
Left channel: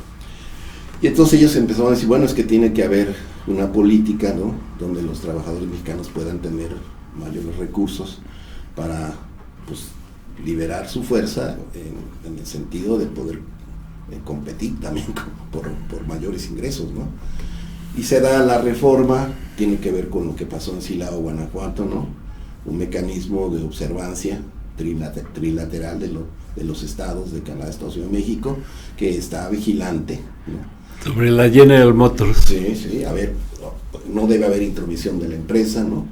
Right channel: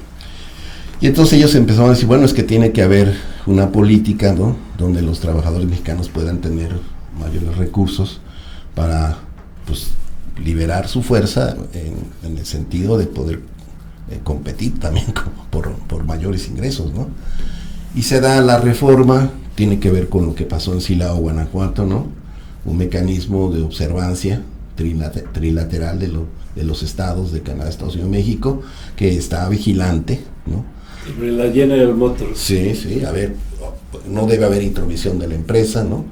Y entonces ellos empezaron a decir, bueno, es que tiene que haber una política, ¿no? Donde los trabajadores mexicanos puedan tener mayores recursos para, pues, liberar su fuerza en el sentido de poder competir también por mayores ingresos, ¿no? Y se da la reforma, tiene que ver con lo que pasó en Silao, Guanajuato, ¿no? Un mecanismo de observancia trilateral de los estados de Canadá, Estados Unidos y México, que está vigilante, ¿no? Sobre la General Motors. Sí, a ver, no debe haber intromisión de la empresa, ¿no?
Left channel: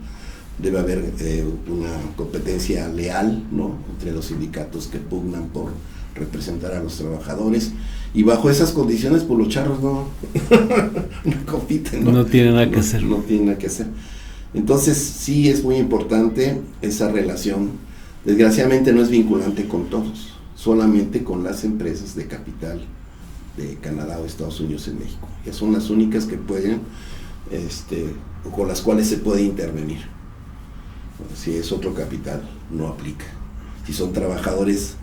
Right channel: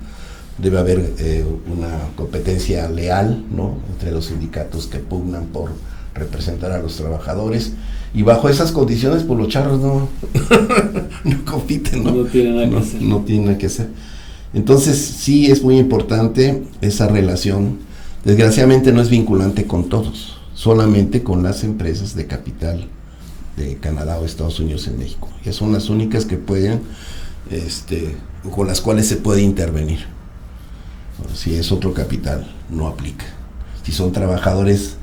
Debe haber una competencia leal, ¿no? Entre los sindicatos que pugnan por representar a los trabajadores, y bajo esas condiciones pues los charros no compiten, ¿no? No tienen nada que hacer. No tienen nada que hacer. Entonces sí es muy importante esa relación. Desgraciadamente no es vinculante con todos, solamente con las empresas de capital de Canadá o Estados Unidos en México. Que son las únicas que pueden, con las cuales se puede intervenir. Bueno, si es otro capital, no aplica. Si son trabajadores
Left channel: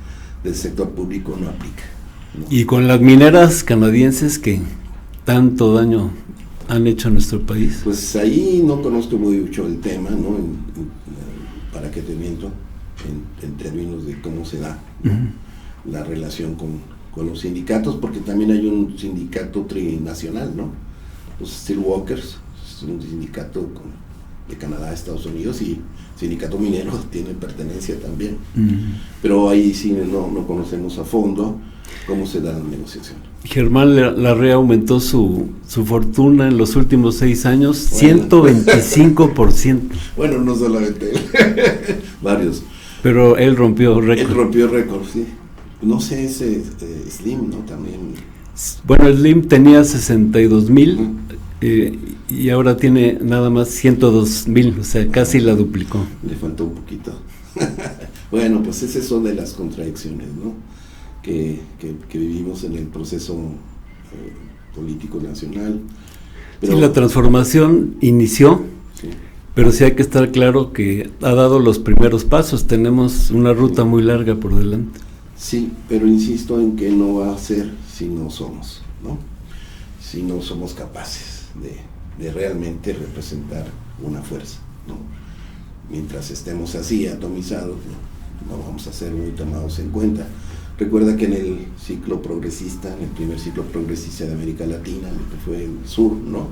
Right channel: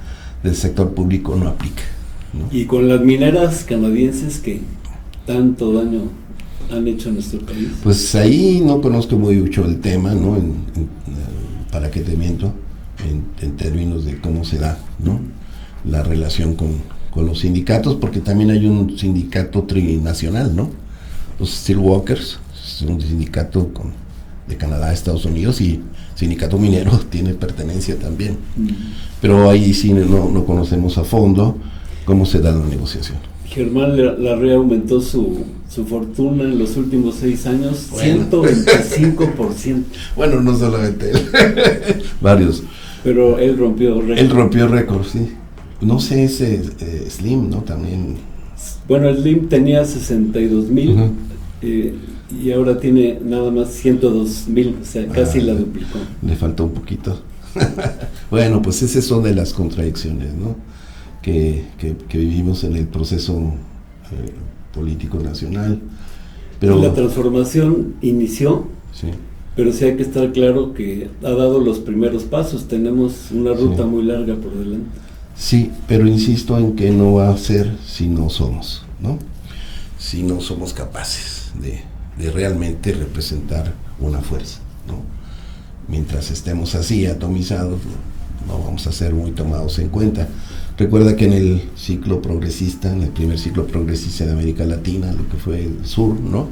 del sector público, no aplica, ¿no? Y con las mineras canadienses que tanto daño han hecho a nuestro país. Pues ahí no conozco muy mucho el tema, ¿no? ¿Para qué te miento? En términos de cómo se da, ¿no? La relación con los sindicatos, porque también hay un sindicato trinacional, ¿no? Los Steelworkers, es un sindicato de Canadá, Estados Unidos, y sindicato minero tiene pertenencia también. Pero ahí sí no conocemos a fondo cómo se da la negociación. Germán Larrea aumentó su fortuna en los últimos 6 años, bueno. 125%. Bueno, no solamente él, varios. Pero él rompió récord. Él rompió récord, sí. No sé, ese Slim, ¿no? También. Bueno, el Slim tenía 62,000 y ahora tiene nada más 102,000, o sea, casi la duplicó. Le faltó un poquito. Bueno, pues esas son de las contradicciones, ¿no? Que vivimos en el proceso político nacional. Pero, y la transformación inició, sí. Pero sí hay que estar claro que ha dado los primeros pasos, tenemos una ruta muy larga por delante. Sí, pero insisto en que no va a ser si no somos, ¿no? Si no somos capaces de realmente representar una fuerza, ¿no? Mientras estemos así atomizados, no vamos a ser muy tomados en cuenta. Recuerda que en el ciclo progresista, en el primer ciclo progresista de América Latina, lo que fue el sur, ¿no?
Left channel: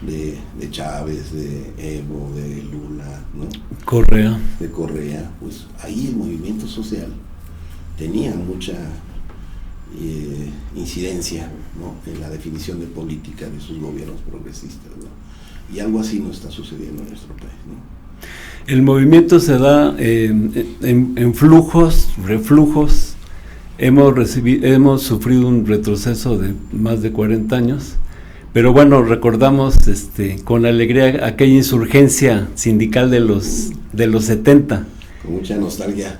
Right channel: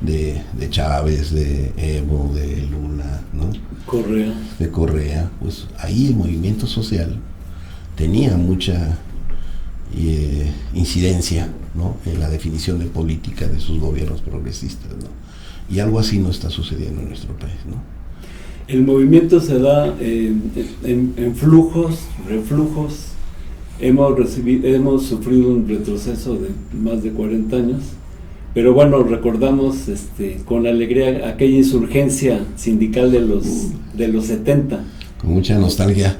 De Chávez, de Evo, de Lula, ¿no? De Correa, pues ahí el movimiento social tenía mucha incidencia, ¿no? En la definición de política de sus gobiernos progresistas, ¿no? Y algo así no está sucediendo en nuestro país, ¿no? El movimiento se da en flujos, reflujos. Hemos sufrido un retroceso de más de 40 años, pero bueno, recordamos con alegría aquella insurgencia sindical de los 70. Con mucha nostalgia.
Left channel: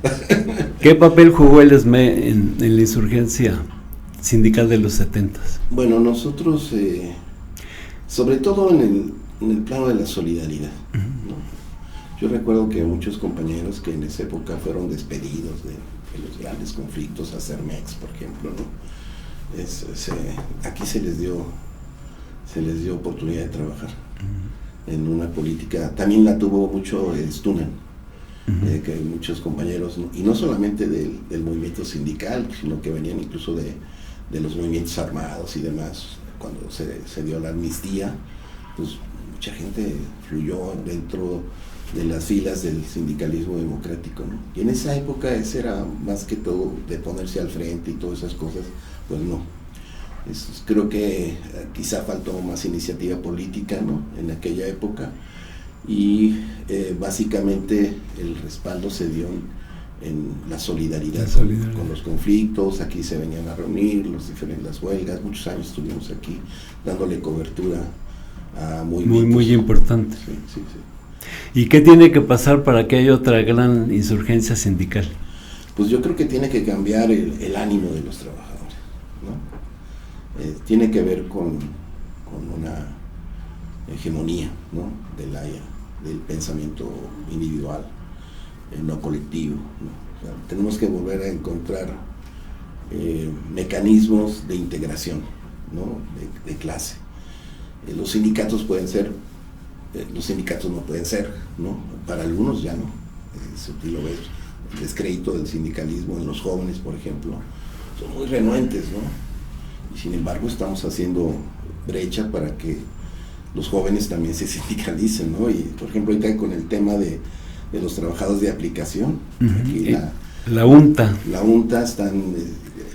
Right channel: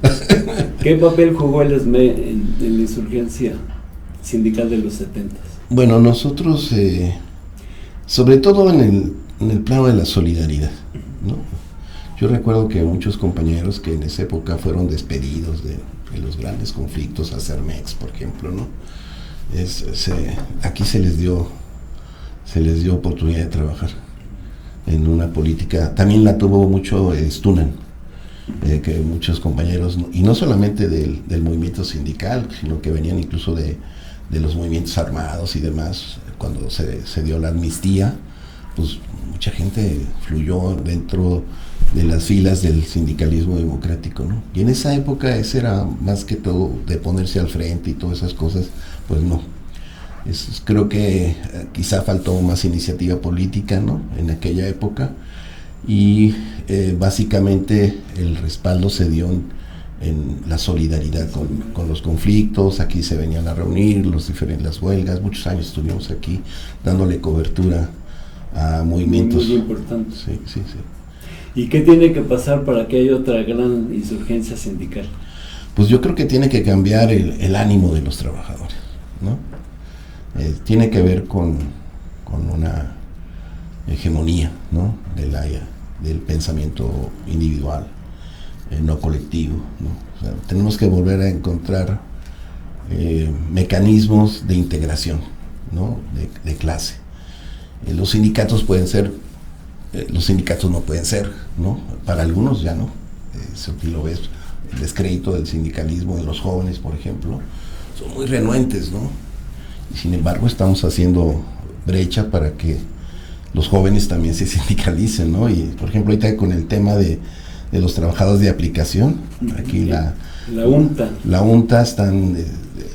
¿Qué papel jugó el ESME en la insurgencia sindical de los 70? Bueno, nosotros, sobre todo en el plano de la solidaridad, ¿no? Yo recuerdo que muchos compañeros que en esa época fueron despedidos de los grandes conflictos, a Cermex, por ejemplo, ¿no? Aquí se les dio oportunidad de trabajar en una política. También la tuvo mucho Stunan, que muchos compañeros, y no solamente del movimiento sindical, sino que venían incluso de los movimientos armados y demás. Cuando se dio la amnistía, pues mucha gente fluyó dentro de las filas del sindicalismo democrático, ¿no? Y en esa época ese era más que todo de ponerse al frente y todas esas cosas, pues no. Creo que quizá faltó más iniciativa política, ¿no? En aquella época, y básicamente el respaldo se dio en la solidaridad con los conflictos. Aquí se venían a reunir las huelgas. Muchos años estuvimos aquí dándole cobertura a movimientos muy importantes. Sí. ¿Y qué tiene que pasar para que haya otra gran insurgencia sindical? Pues yo creo que tiene que cambiar el ánimo de los trabajadores, ¿no? Tiene que ver con una hegemonía, ¿no? Del pensamiento individual, no colectivo, ¿no? O sea, tenemos que volver a encontrar mecanismos de integración, ¿no? De clase. Los sindicatos pueden ser, los sindicatos no pueden ser, ¿no? Para algunos ya no. Aquí lo ves, el descrédito del sindicalismo en los jóvenes, por ejemplo, son muy renuentes, ¿no? Y sin embargo estamos haciendo brecha para que los jóvenes también se sindicalicen, ¿no? Y por ejemplo ahorita con el tema de los trabajadores de aplicación, aquí la UNTA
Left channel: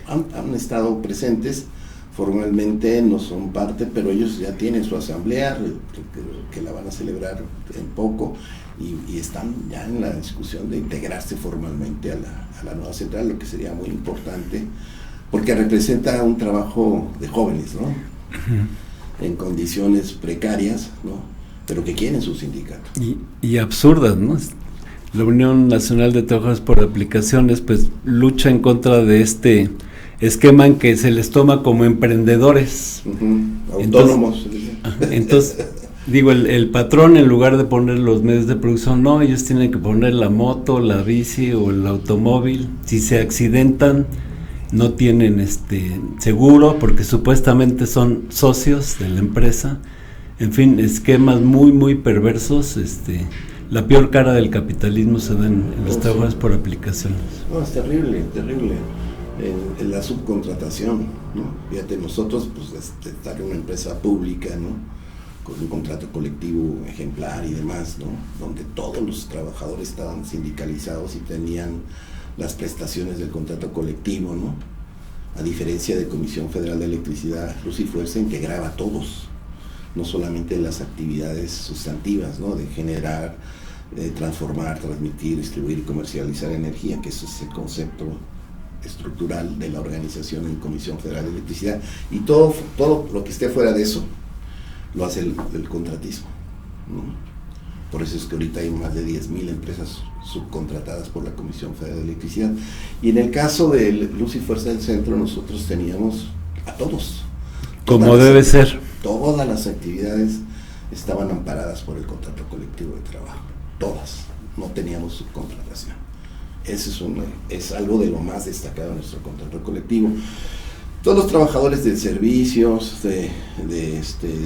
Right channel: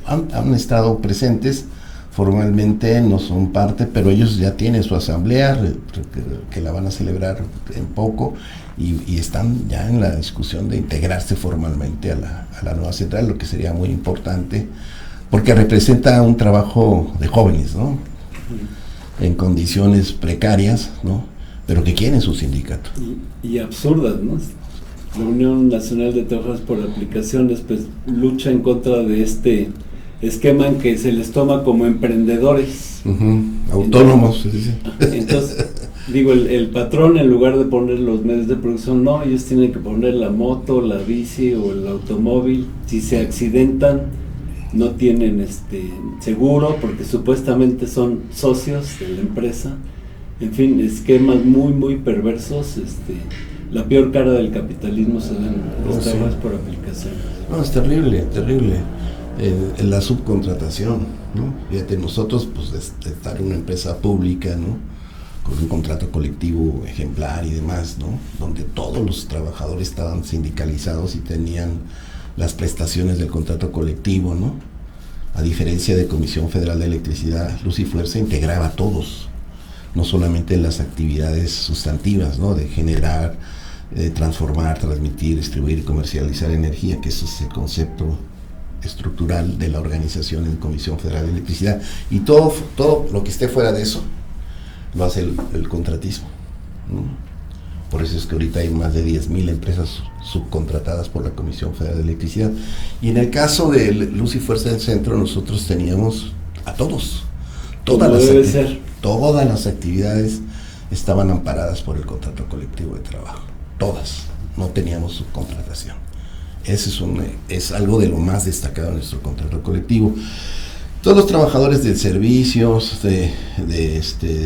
han estado presentes formalmente, no son parte, pero ellos ya tienen su asamblea que la van a celebrar en poco, y están ya en la discusión de integrarse formalmente a la nueva central, lo que sería muy importante, porque representa un trabajo de jóvenes, ¿no? En condiciones precarias, ¿no? Pero que quieren su sindicato. Y absurdas, ¿no? La Unión Nacional de Trabajadores por Aplicaciones pues lucha en contra de este esquema en que se les toma como emprendedores. Autónomos. Entonces, digo, el patrón, en lugar de poner los medios de producción, no, ellos tienen que poner la moto, la bici o el automóvil. Si se accidentan, no tienen seguro, porque supuestamente son socios de la empresa. En fin, esquemas muy perversos. La peor cara del capitalismo se da en los trabajos por aplicaciones. No, es terrible. En la subcontratación, ¿no? Fíjate, nosotros, pues, estar en una empresa pública, ¿no? Con un contrato colectivo ejemplar y demás, ¿no? Donde todos los trabajadores estaban sindicalizados y tenían las prestaciones del contrato colectivo, ¿no? A diferencia de Comisión Federal de Electricidad, Luz y Fuerza integraba a todos, no solamente las actividades sustantivas, ¿no? De generar, transformar, transmitir, distribuir y comercializar energía, que ese es el concepto estructural de la organización en Comisión Federal de Electricidad, y todo lo que esté fuera de eso lo hace el contratismo, ¿no? Por eso es que ahorita hay más de 10,000 empresas subcontratadas por la Comisión Federal de Electricidad. Y en el caso de Luz y Fuerza del Centro, nosotros teníamos a todos. Como debe ser. Todas las actividades estaban amparadas por el contrato colectivo de trabajo. Todas. No teníamos subcontratación. Ese es algo de lo más destacado en nuestro contrato colectivo. Todos los trabajadores de servicios, de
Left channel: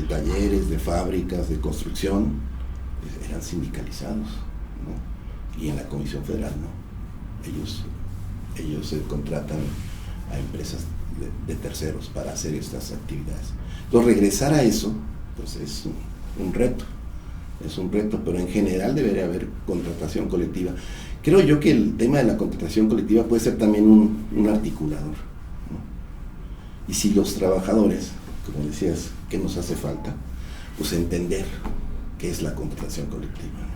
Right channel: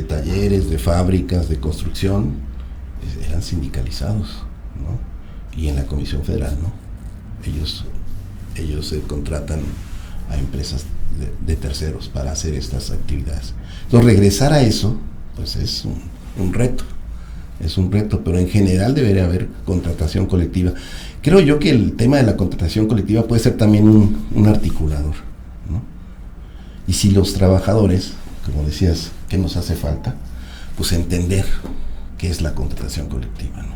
talleres, de fábricas, de construcción, eran sindicalizados, ¿no? Y en la Comisión Federal, ¿no? Ellos contratan a empresas de terceros para hacer estas actividades. Entonces, regresar a eso, pues es un reto, pero en general debería haber contratación colectiva. Creo yo que el tema de la contratación colectiva puede ser también un articulador, ¿no? Y si los trabajadores, como decías, ¿qué nos hace falta? Pues entender qué es la contratación colectiva, ¿no?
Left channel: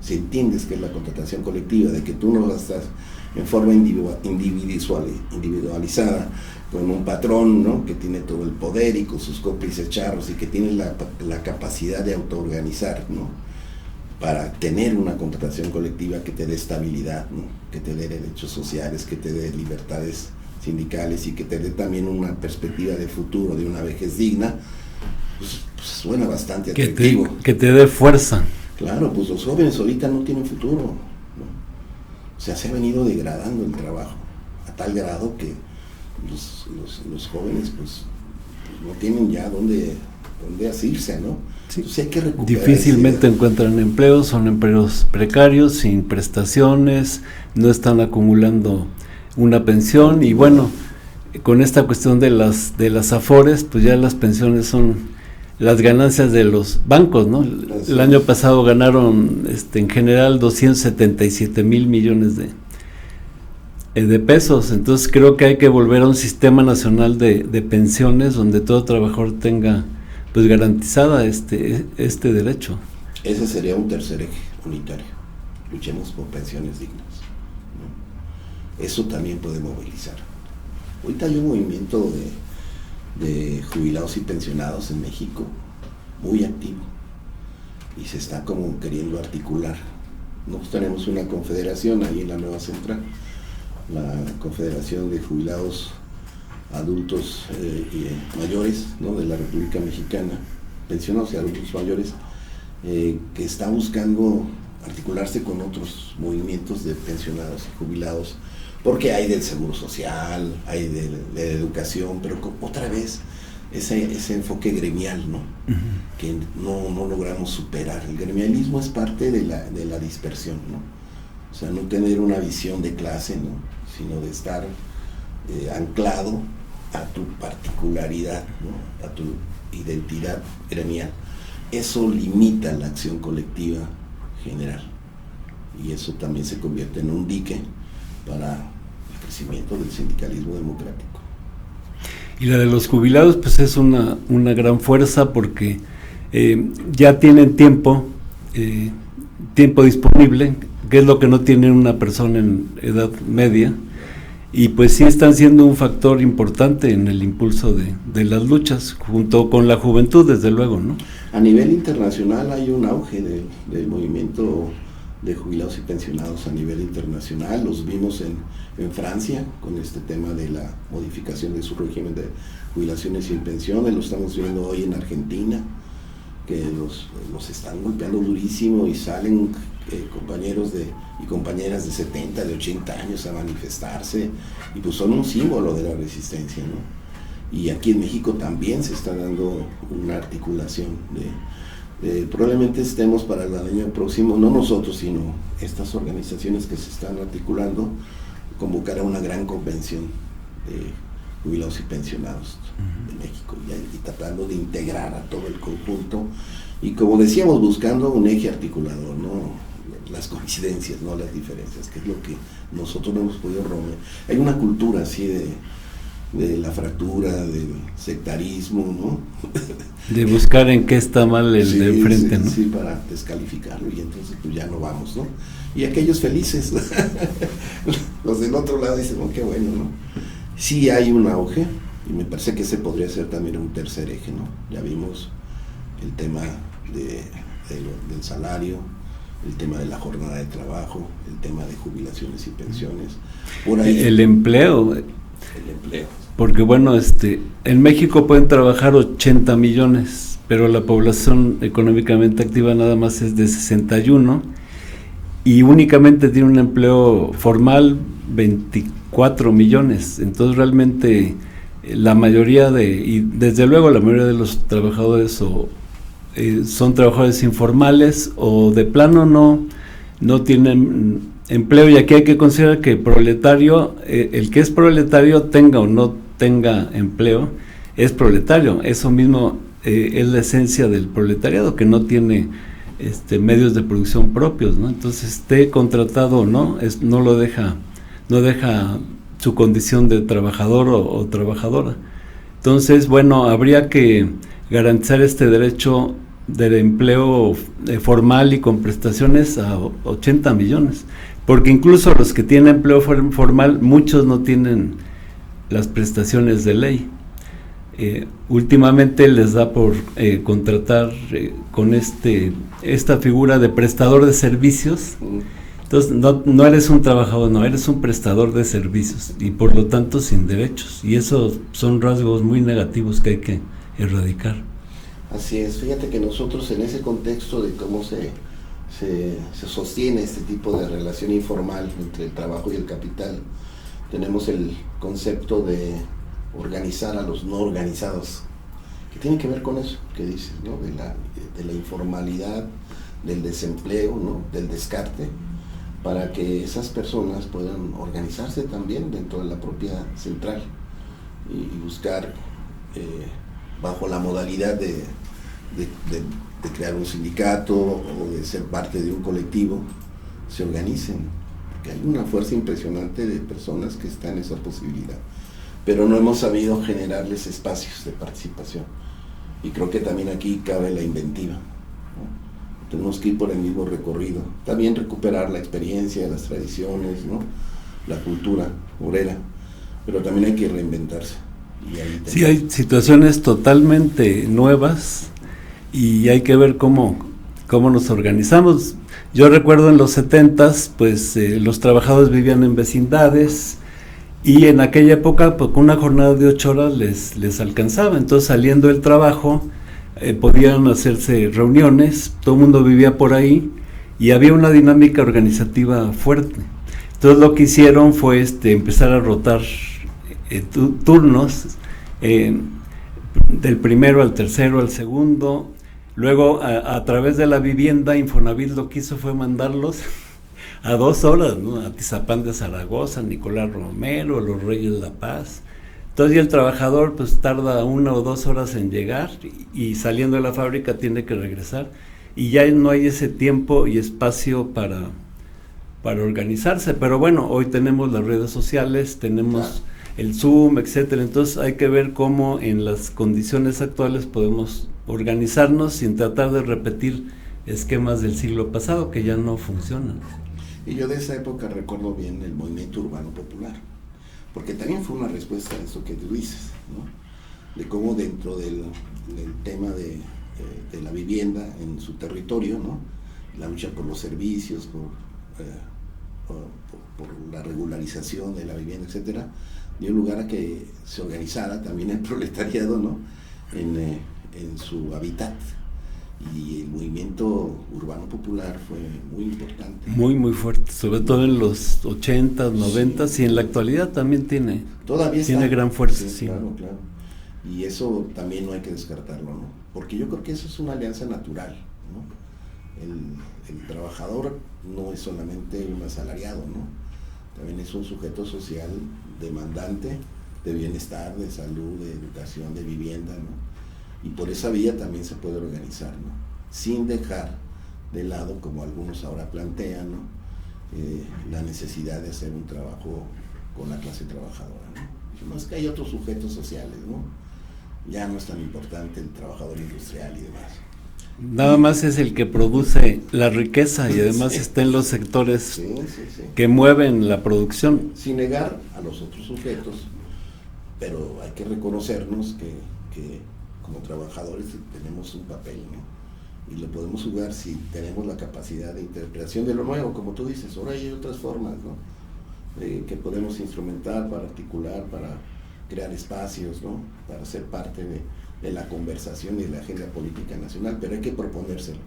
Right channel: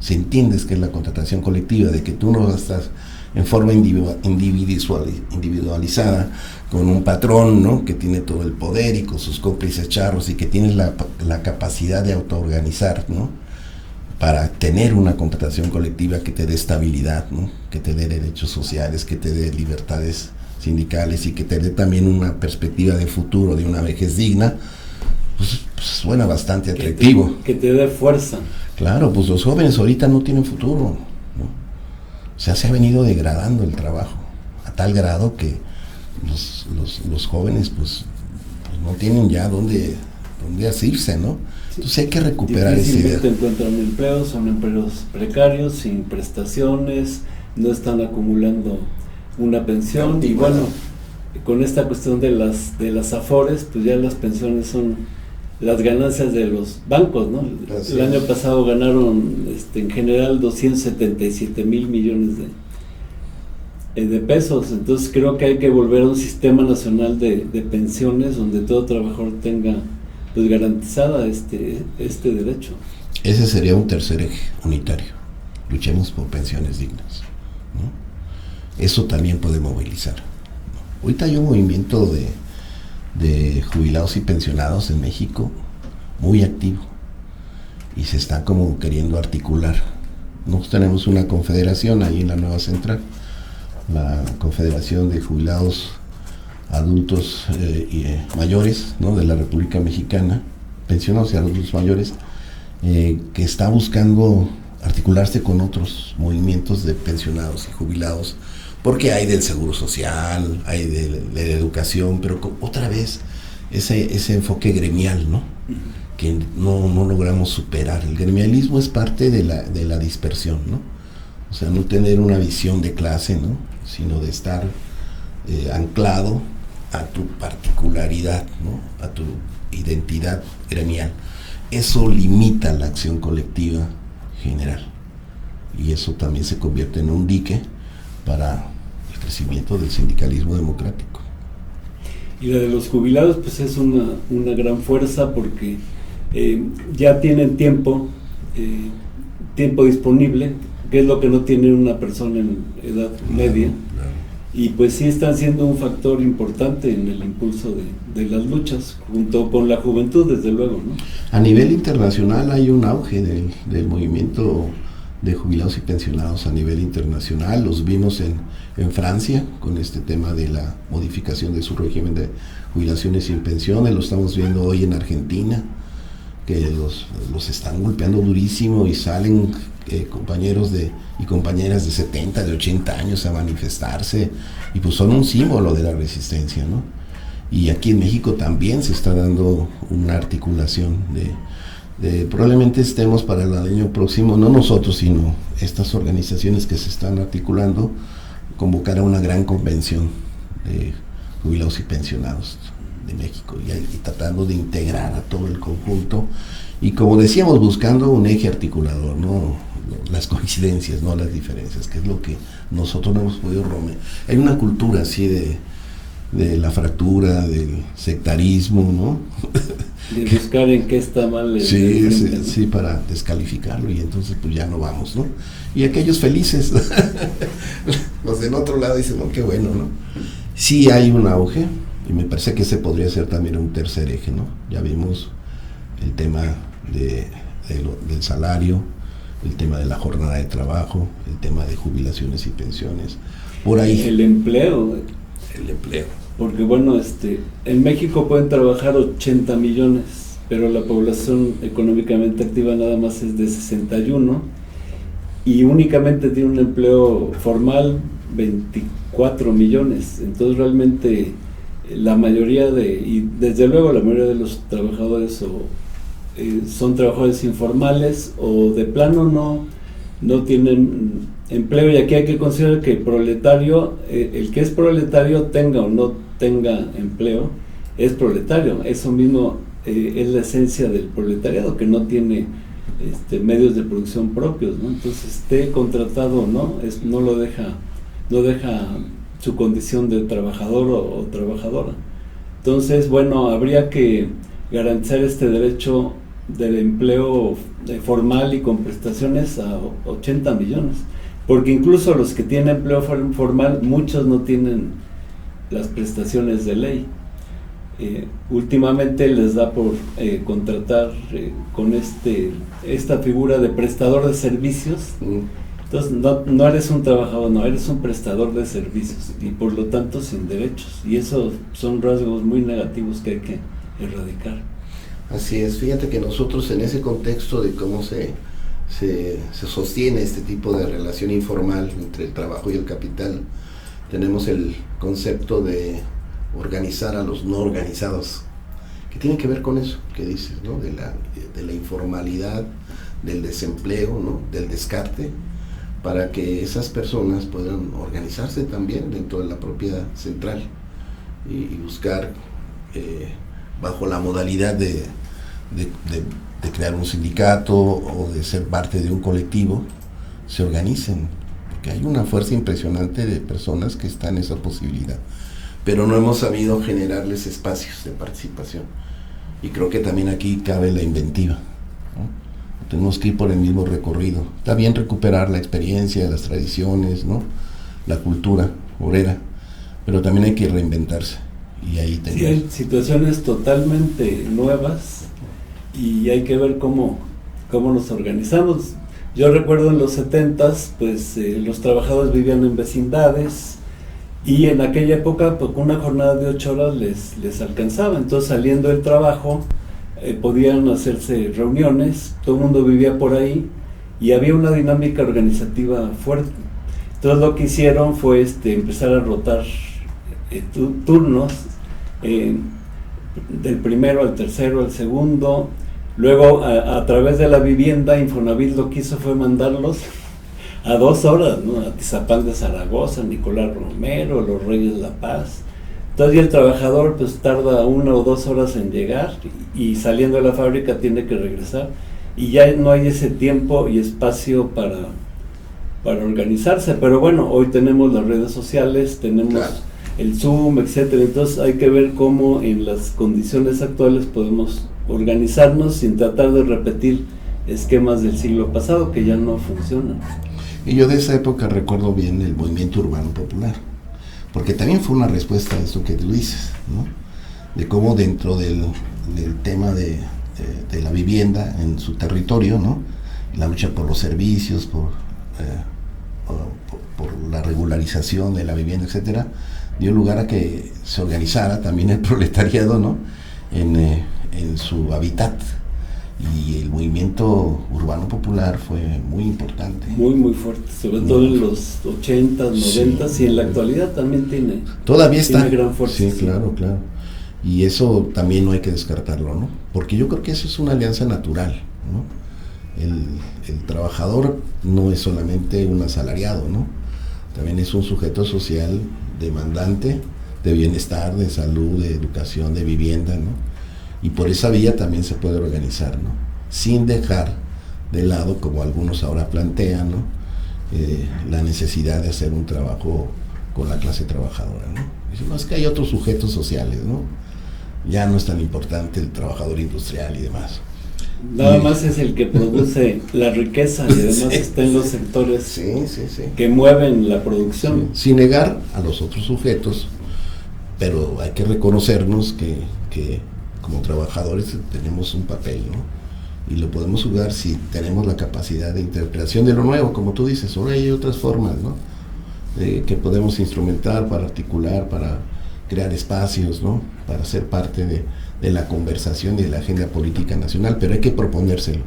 Si entiendes qué es la contratación colectiva, de que tú no estás en forma individualizada con un patrón, ¿no? Que tiene todo el poder y con sus cómplices charros, y que tienes la capacidad de autoorganizar, ¿no? Para tener una contratación colectiva que te dé estabilidad, ¿no? Que te dé derechos sociales, que te dé libertades sindicales y que te dé también una perspectiva de futuro, de una vejez digna, pues suena bastante atractivo. Que te dé fuerza. Claro, pues los jóvenes ahorita no tienen futuro, ¿no? O sea, se ha venido degradando el trabajo a tal grado que los jóvenes pues no tienen ya dónde asirse, ¿no? Sí. Entonces hay que recuperar. Difícilmente encuentran empleos, son empleos precarios, sin prestaciones, no están acumulando una pensión, y bueno, con esta cuestión de las afores, pues ya las pensiones son las ganancias de los bancos, ¿no? El año pasado ganaron en general 277 mil millones de pesos. Entonces creo que hay que volver a un sistema nacional de pensiones donde todo trabajador tenga pues garantizada este derecho. Ese sería un tercer eje unitario. Luchemos por pensiones dignas, ¿no? Eso también puede movilizar. Ahorita hay un movimiento de jubilados y pensionados en México muy activo y se está como queriendo articular. Nosotros tenemos una confederación ahí en la nueva central, la Confederación de Jubilados Adultos Mayores, ¿no? De la República Mexicana, pensionados y adultos mayores, que está buscando articularse con otros movimientos de pensionados y jubilados, porque hay del seguro social, hay de educación, pero otra vez ese enfoque gremial, ¿no? Uh-huh. Que no logramos superar. El gremialismo es parte de la dispersión, ¿no? O sea, no tener una visión de clase, ¿no? Sino de estar anclado a tu particularidad, ¿no? A tu identidad gremial. Eso limita la acción colectiva general, y eso también se convierte en un dique para el crecimiento del sindicalismo democrático. Y la de los jubilados pues es una gran fuerza, porque ya tienen tiempo disponible, que es lo que no tiene una persona en edad media, y pues sí están siendo un factor importante en el impulso de las luchas, junto con la juventud, desde luego, ¿no? A nivel internacional hay un auge del movimiento de jubilados y pensionados a nivel internacional. Los vimos en Francia con este tema de la modificación de su régimen de jubilaciones y pensiones. Lo estamos viendo hoy en Argentina, que los están golpeando durísimo y salen compañeros y compañeras de 70, de 80 años a manifestarse, y pues son un símbolo de la resistencia, ¿no? Y aquí en México también se está dando una articulación probablemente estemos para el año próximo, no nosotros, sino estas organizaciones que se están articulando, convocar a una gran convención de jubilados y pensionados de México, y tratando de integrar a todo el conjunto, y como decíamos, buscando un eje articulador, ¿no? Las coincidencias, no las diferencias, que es lo que nosotros no hemos podido romper. Hay una cultura así de la fractura, del sectarismo, ¿no? De buscar en qué está mal el sí, de frente, sí, ¿no? Sí, para descalificarlo, y entonces pues ya no vamos, ¿no? Y aquellos felices, los del otro lado dicen, no, qué bueno, ¿no? Sí hay un auge, y me parece que ese podría ser también un tercer eje, ¿no? Ya vimos el tema del salario, el tema de la jornada de trabajo, el tema de jubilaciones y pensiones, por ahí. El empleo. Porque bueno, en México pueden trabajar 80 millones, pero la población económicamente activa nada más es de 61, y únicamente tiene un empleo formal 24 millones. Entonces realmente la mayoría y desde luego la mayoría de los trabajadores son trabajadores informales o de plano no tienen empleo, y aquí hay que considerar que proletario, el que es proletario tenga o no tenga empleo, es proletario. Eso mismo es la esencia del proletariado, que no tiene medios de producción propios, ¿no? Entonces, esté contratado o no, no deja su condición de trabajador o trabajadora. Entonces, bueno, habría que garantizar este derecho del empleo formal y con prestaciones a 80 millones, porque incluso los que tienen empleo formal, muchos no tienen las prestaciones de ley. Últimamente les da por contratar con esta figura de prestador de servicios. Entonces no eres un trabajador, no, eres un prestador de servicios y por lo tanto sin derechos, y esos son rasgos muy negativos que hay que erradicar. Así es, fíjate que nosotros en ese contexto de cómo se sostiene este tipo de relación informal entre el trabajo y el capital, tenemos el concepto de organizar a los no organizados, que tiene que ver con eso que dices, ¿no? de la informalidad, del desempleo, ¿no? Del descarte, para que esas personas puedan organizarse también dentro de la propia central y buscar bajo la modalidad de crear un sindicato o de ser parte de un colectivo, se organicen, porque hay una fuerza impresionante de personas que están en esa posibilidad, pero no hemos sabido generarles espacios de participación, y creo que también aquí cabe la inventiva, ¿no? Tenemos que ir por el mismo recorrido. Está bien recuperar la experiencia, las tradiciones, ¿no? La cultura obrera, pero también hay que reinventarse. Y ahí sí, hay situaciones totalmente nuevas y hay que ver cómo nos organizamos. Yo recuerdo en los 70s, pues los trabajadores vivían en vecindades, y en aquella época pues, con una jornada de 8 horas les alcanzaba. Entonces, saliendo del trabajo, podían hacerse reuniones, todo el mundo vivía por ahí y había una dinámica organizativa fuerte. Entonces lo que hicieron fue empezar a rotar turnos, del primero al tercero, al segundo. Luego a través de la vivienda, Infonavit lo que hizo fue mandarlos a 2 horas, ¿no? A Tizapán de Zaragoza, Nicolás Romero, Los Reyes La Paz. Entonces ya el trabajador pues tarda 1 o 2 horas en llegar, y saliendo de la fábrica tiene que regresar, y ya no hay ese tiempo y espacio para organizarse. Pero bueno, hoy tenemos las redes sociales, tenemos el Zoom, etcétera. Entonces hay que ver cómo en las condiciones actuales podemos organizarnos sin tratar de repetir esquemas del siglo pasado que ya no funcionan. Y yo de esa época recuerdo bien el movimiento urbano popular, porque también fue una respuesta a eso que tú dices, ¿no? De cómo dentro del tema de la vivienda en su territorio, ¿no? La lucha por los servicios, por la regularización de la vivienda, etcétera, dio lugar a que se organizara también el proletariado, ¿no? En su hábitat. Y el movimiento urbano popular fue muy importante. Muy, muy fuerte, sobre todo en los 80s, 90s, sí. Y en la actualidad también tiene gran fuerza. Sí, claro. Y eso también no hay que descartarlo, ¿no? Porque yo creo que eso es una alianza natural, ¿no? El trabajador no es solamente un asalariado, ¿no? También es un sujeto social demandante de bienestar, de salud, de educación, de vivienda, ¿no? Y por esa vía también se puede organizar, ¿no? Sin dejar de lado, como algunos ahora plantean, ¿no? La necesidad de hacer un trabajo con la clase trabajadora, ¿no? Dicen, no, es que hay otros sujetos sociales, ¿no? Ya no es tan importante el trabajador industrial y demás. Nada más es el que produce la riqueza, y además está en los sectores que mueven la producción. Sin negar a los otros sujetos, pero hay que reconocernos que como trabajadores tenemos un papel, ¿no? Y lo podemos jugar si tenemos la capacidad de interpretación de lo nuevo, como tú dices. Ahora hay otras formas, ¿no? Que podemos instrumentar para articular, para crear espacios, ¿no? Para ser parte de la conversación y de la agenda política nacional, pero hay que proponérselo.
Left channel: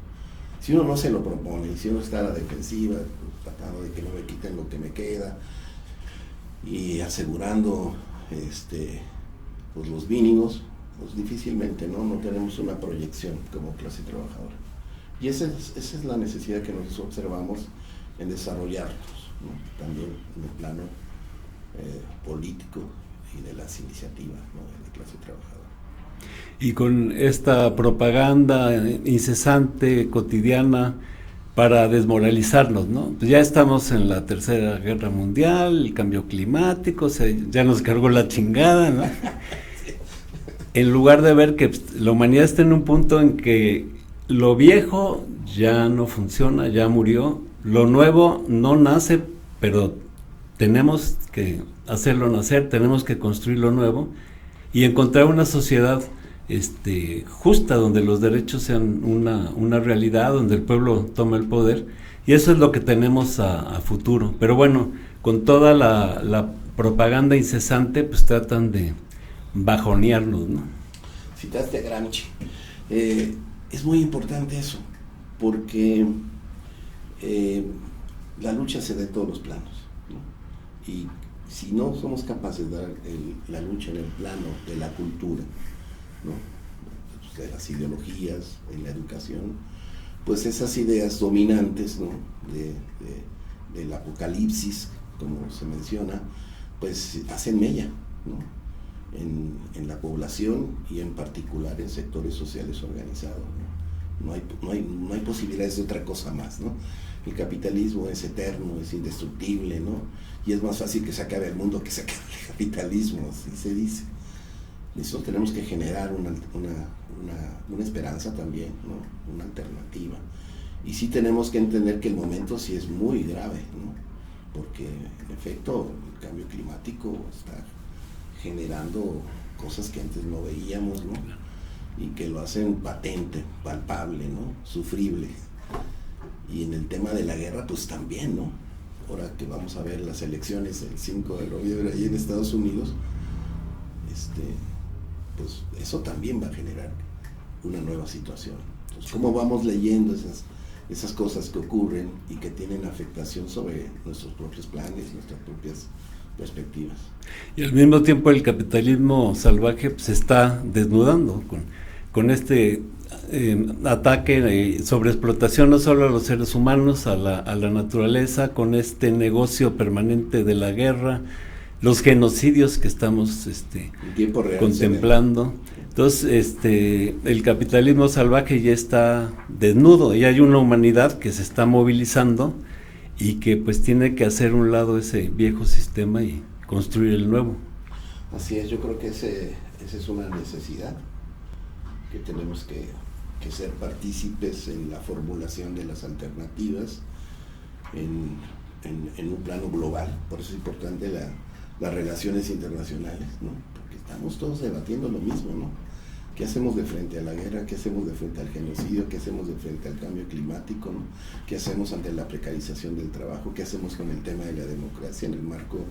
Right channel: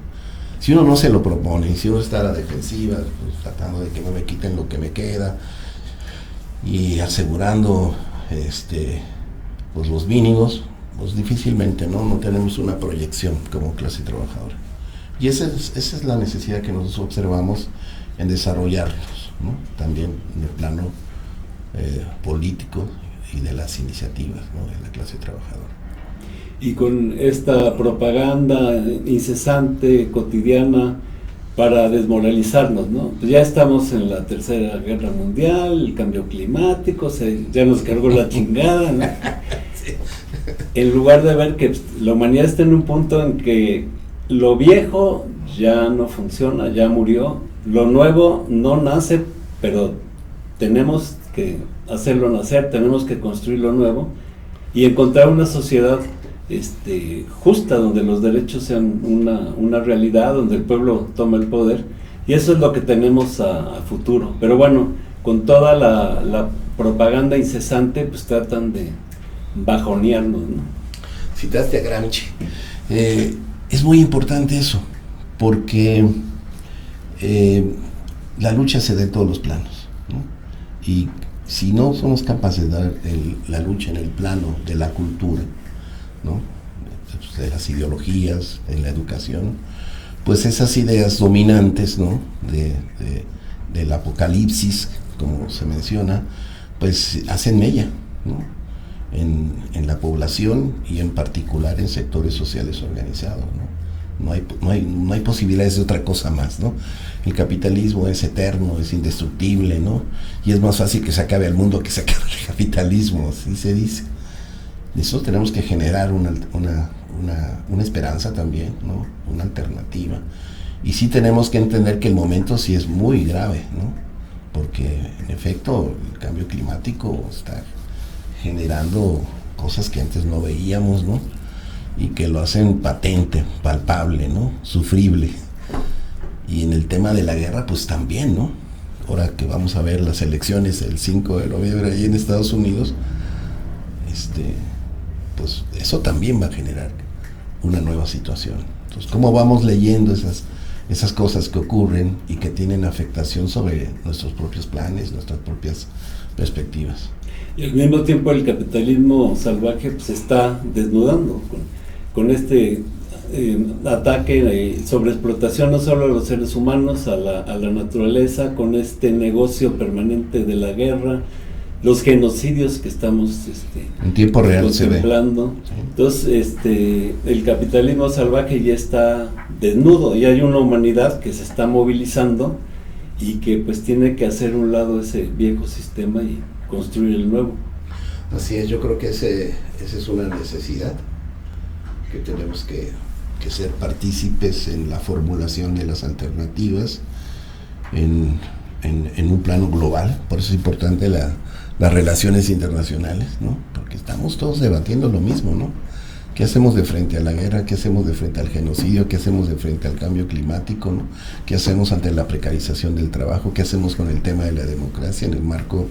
Si uno no se lo propone, si uno está a la defensiva, pues, tratando de que no me quiten lo que me queda y asegurando pues los mínimos, pues difícilmente, ¿no? No tenemos una proyección como clase trabajadora. Y esa es la necesidad que nosotros observamos en desarrollarnos, ¿no? También en el plano político y de las iniciativas, ¿no? De la clase trabajadora. Y con esta propaganda incesante, cotidiana, para desmoralizarnos, ¿no? Pues ya estamos en la Tercera Guerra Mundial, el cambio climático, ya nos cargó la chingada, ¿no? Sí. En lugar de ver que la humanidad está en un punto en que lo viejo ya no funciona, ya murió, lo nuevo no nace, pero tenemos que hacerlo nacer, tenemos que construir lo nuevo y encontrar una sociedad justa, donde los derechos sean una realidad, donde el pueblo tome el poder, y eso es lo que tenemos a futuro. Pero bueno, con toda la propaganda incesante, pues tratan de bajonearnos, ¿no? Citaste a Gramsci. Es muy importante eso, porque la lucha se da en todos los planos, ¿no? Y si no somos capaces de dar la lucha en el plano de la cultura, ¿no? De las ideologías, de la educación, pues esas ideas dominantes, ¿no? Del apocalipsis, como se menciona, pues hacen mella, ¿no? En la población y en particular en sectores sociales organizados, ¿no? No hay posibilidades de otra cosa más, ¿no? El capitalismo es eterno, es indestructible, ¿no? Y es más fácil que se acabe el mundo que se acabe el capitalismo, así se dice. Eso tenemos que generar una esperanza también, ¿no? Una alternativa. Y sí tenemos que entender que el momento sí es muy grave, ¿no? Porque en efecto el cambio climático está generando cosas que antes no veíamos, ¿no? Y que lo hacen patente, palpable, ¿no? Sufrible. Y en el tema de la guerra, pues también, ¿no? Ahora que vamos a ver las elecciones el 5 de noviembre ahí en Estados Unidos, pues eso también va a generar una nueva situación. Entonces, ¿cómo vamos leyendo esas cosas que ocurren y que tienen afectación sobre nuestros propios planes, nuestras propias perspectivas? Y al mismo tiempo el capitalismo salvaje pues, se está desnudando con este ataque sobre explotación no solo a los seres humanos, a la naturaleza, con este negocio permanente de la guerra, los genocidios que estamos en tiempo real contemplando. Se ve. Entonces, el capitalismo salvaje ya está desnudo y hay una humanidad que se está movilizando y que pues tiene que hacer un lado ese viejo sistema y construir el nuevo. Así es, yo creo que esa es una necesidad, que tenemos que ser partícipes en la formulación de las alternativas en un plano global. Por eso es importante las relaciones internacionales, ¿no? Porque estamos todos debatiendo lo mismo, ¿no? ¿Qué hacemos de frente a la guerra? ¿Qué hacemos de frente al genocidio? ¿Qué hacemos de frente al cambio climático, ¿no? ¿Qué hacemos ante la precarización del trabajo? ¿Qué hacemos con el tema de la democracia en el marco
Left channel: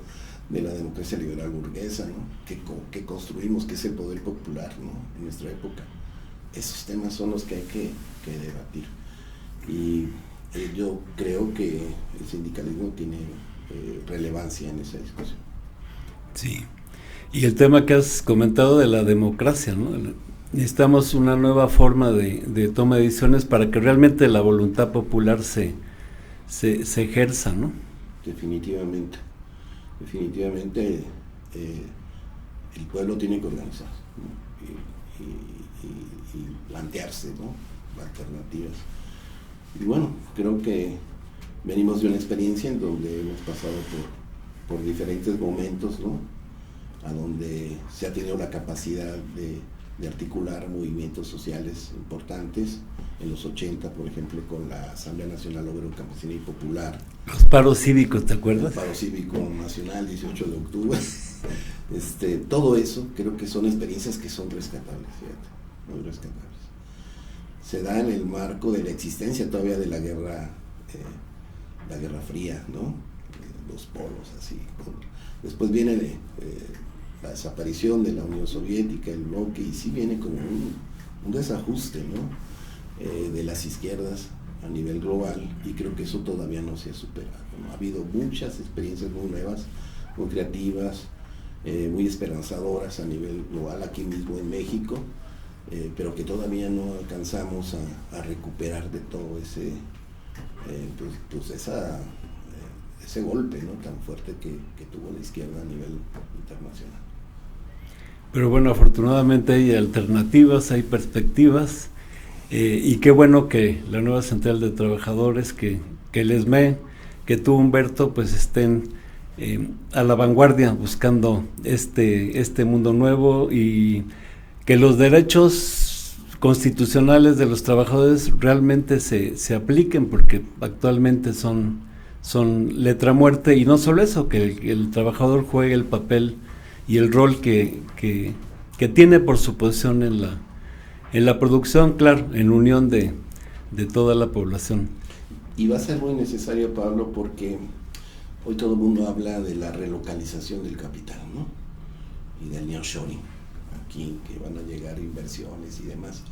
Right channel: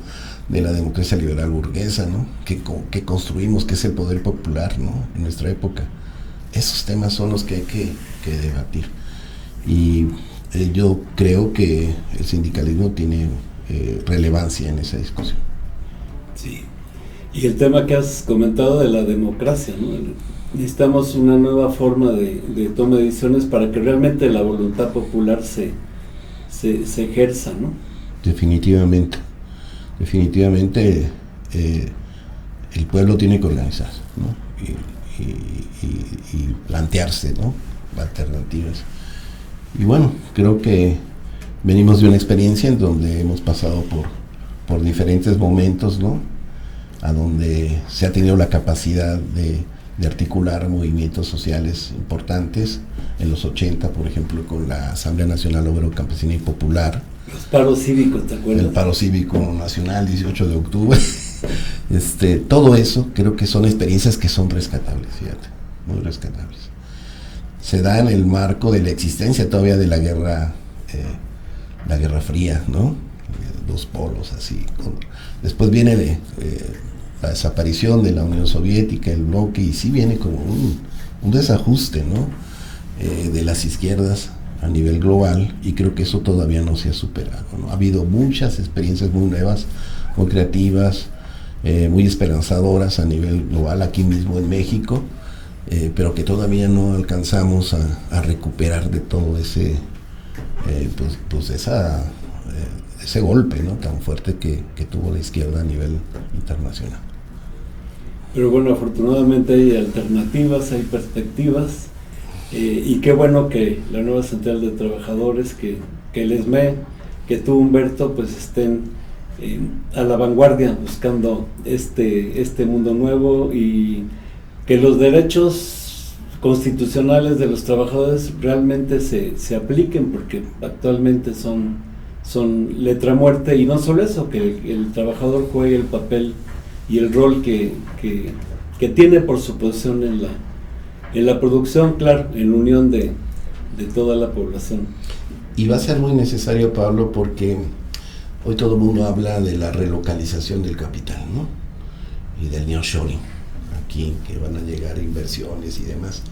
de la democracia liberal burguesa, ¿no? ¿Qué construimos? ¿Qué es el poder popular, ¿no? En nuestra época. Esos temas son los que hay que debatir. Y yo creo que el sindicalismo tiene relevancia en esa discusión. Sí, y el tema que has comentado de la democracia, ¿no? Necesitamos una nueva forma de toma de decisiones para que realmente la voluntad popular se ejerza, ¿no? Definitivamente el pueblo tiene que organizarse, ¿no? Y plantearse, ¿no? Alternativas. Y bueno, creo que venimos de una experiencia en donde hemos pasado por diferentes momentos, ¿no? A donde se ha tenido la capacidad de articular movimientos sociales importantes. En los 80, por ejemplo, con la Asamblea Nacional Obrero Campesina y Popular. Los paros cívicos, ¿te acuerdas? El paro cívico nacional, 18 de octubre. Todo eso creo que son experiencias que son rescatables, fíjate, muy rescatables. Se da en el marco de la existencia todavía de la Guerra Fría, ¿no? Dos polos así. Después viene la desaparición de la Unión Soviética, el bloque, y sí viene como un desajuste, ¿no? De las izquierdas a nivel global, y creo que eso todavía no se ha superado, ¿no? Ha habido muchas experiencias muy nuevas, muy creativas, muy esperanzadoras a nivel global, aquí mismo en México, pero que todavía no alcanzamos a recuperar de todo ese ese golpe, ¿no?, tan fuerte que tuvo la izquierda a nivel internacional. Pero bueno, afortunadamente hay alternativas, hay perspectivas, y qué bueno que la nueva Central de Trabajadores, que el ESME, que tú, Humberto, pues estén a la vanguardia buscando este mundo nuevo, y que los derechos constitucionales de los trabajadores realmente se apliquen, porque actualmente son letra muerta, y no solo eso, que el trabajador juegue el papel y el rol que tiene por su posición en la producción, claro, en unión de toda la población. Y va a ser muy necesario, Pablo, porque hoy todo el mundo habla de la relocalización del capital, ¿no?, y del nearshoring, aquí, que van a llegar inversiones y demás.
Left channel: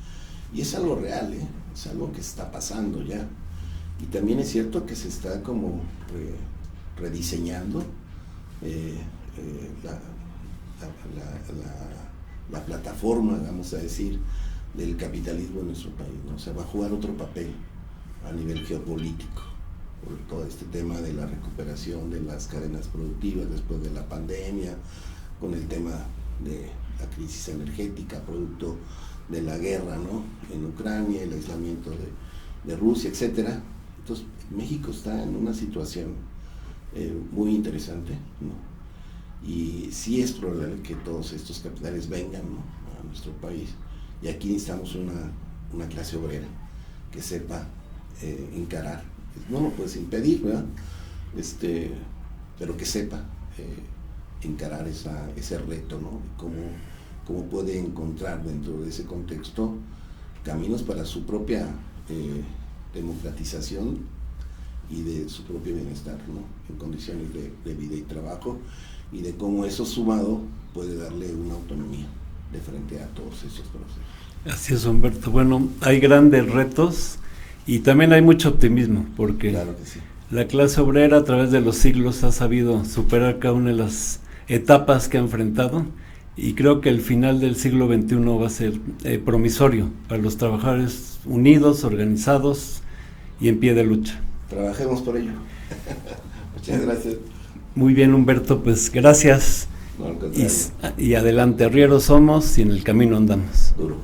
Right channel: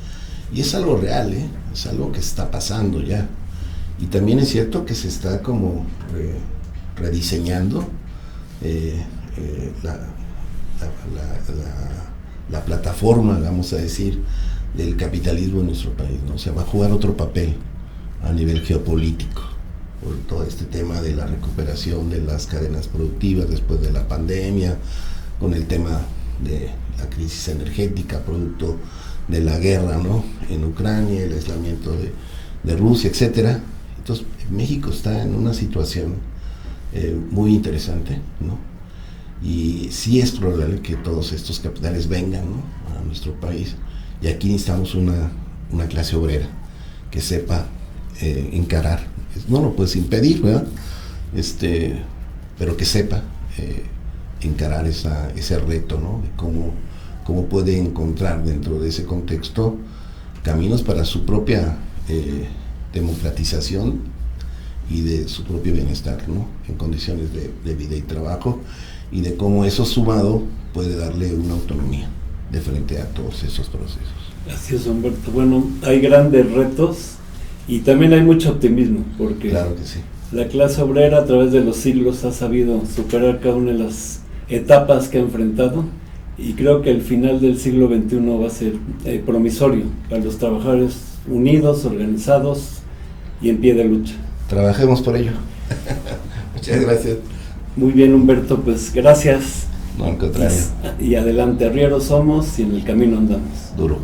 Y es algo real, es algo que está pasando ya. Y también es cierto que se está como rediseñando la plataforma, vamos a decir, del capitalismo en nuestro país, ¿no? O sea, va a jugar otro papel a nivel geopolítico, por todo este tema de la recuperación de las cadenas productivas después de la pandemia, con el tema de la crisis energética, producto de la guerra, ¿no?, en Ucrania, el aislamiento de Rusia, etcétera. Entonces, México está en una situación muy interesante, ¿no? Y sí es probable que todos estos capitales vengan, ¿no?, a nuestro país, y aquí necesitamos una clase obrera que sepa encarar. No lo puedes impedir, ¿verdad?, pero que sepa encarar ese reto, ¿no?, de cómo puede encontrar dentro de ese contexto caminos para su propia democratización y de su propio bienestar, ¿no?, en condiciones de vida y trabajo, y de cómo eso sumado puede darle una autonomía de frente a todos esos procesos. Así es, Humberto. Bueno, hay grandes retos y también hay mucho optimismo, porque claro que sí, la clase obrera a través de los siglos ha sabido superar cada una de las etapas que ha enfrentado, y creo que el final del siglo XXI va a ser promisorio para los trabajadores unidos, organizados y en pie de lucha. Trabajemos por ello. Muchas gracias. Muy bien, Humberto, pues gracias. No, al contrario. Y adelante, arrieros somos y en el camino andamos. Duro.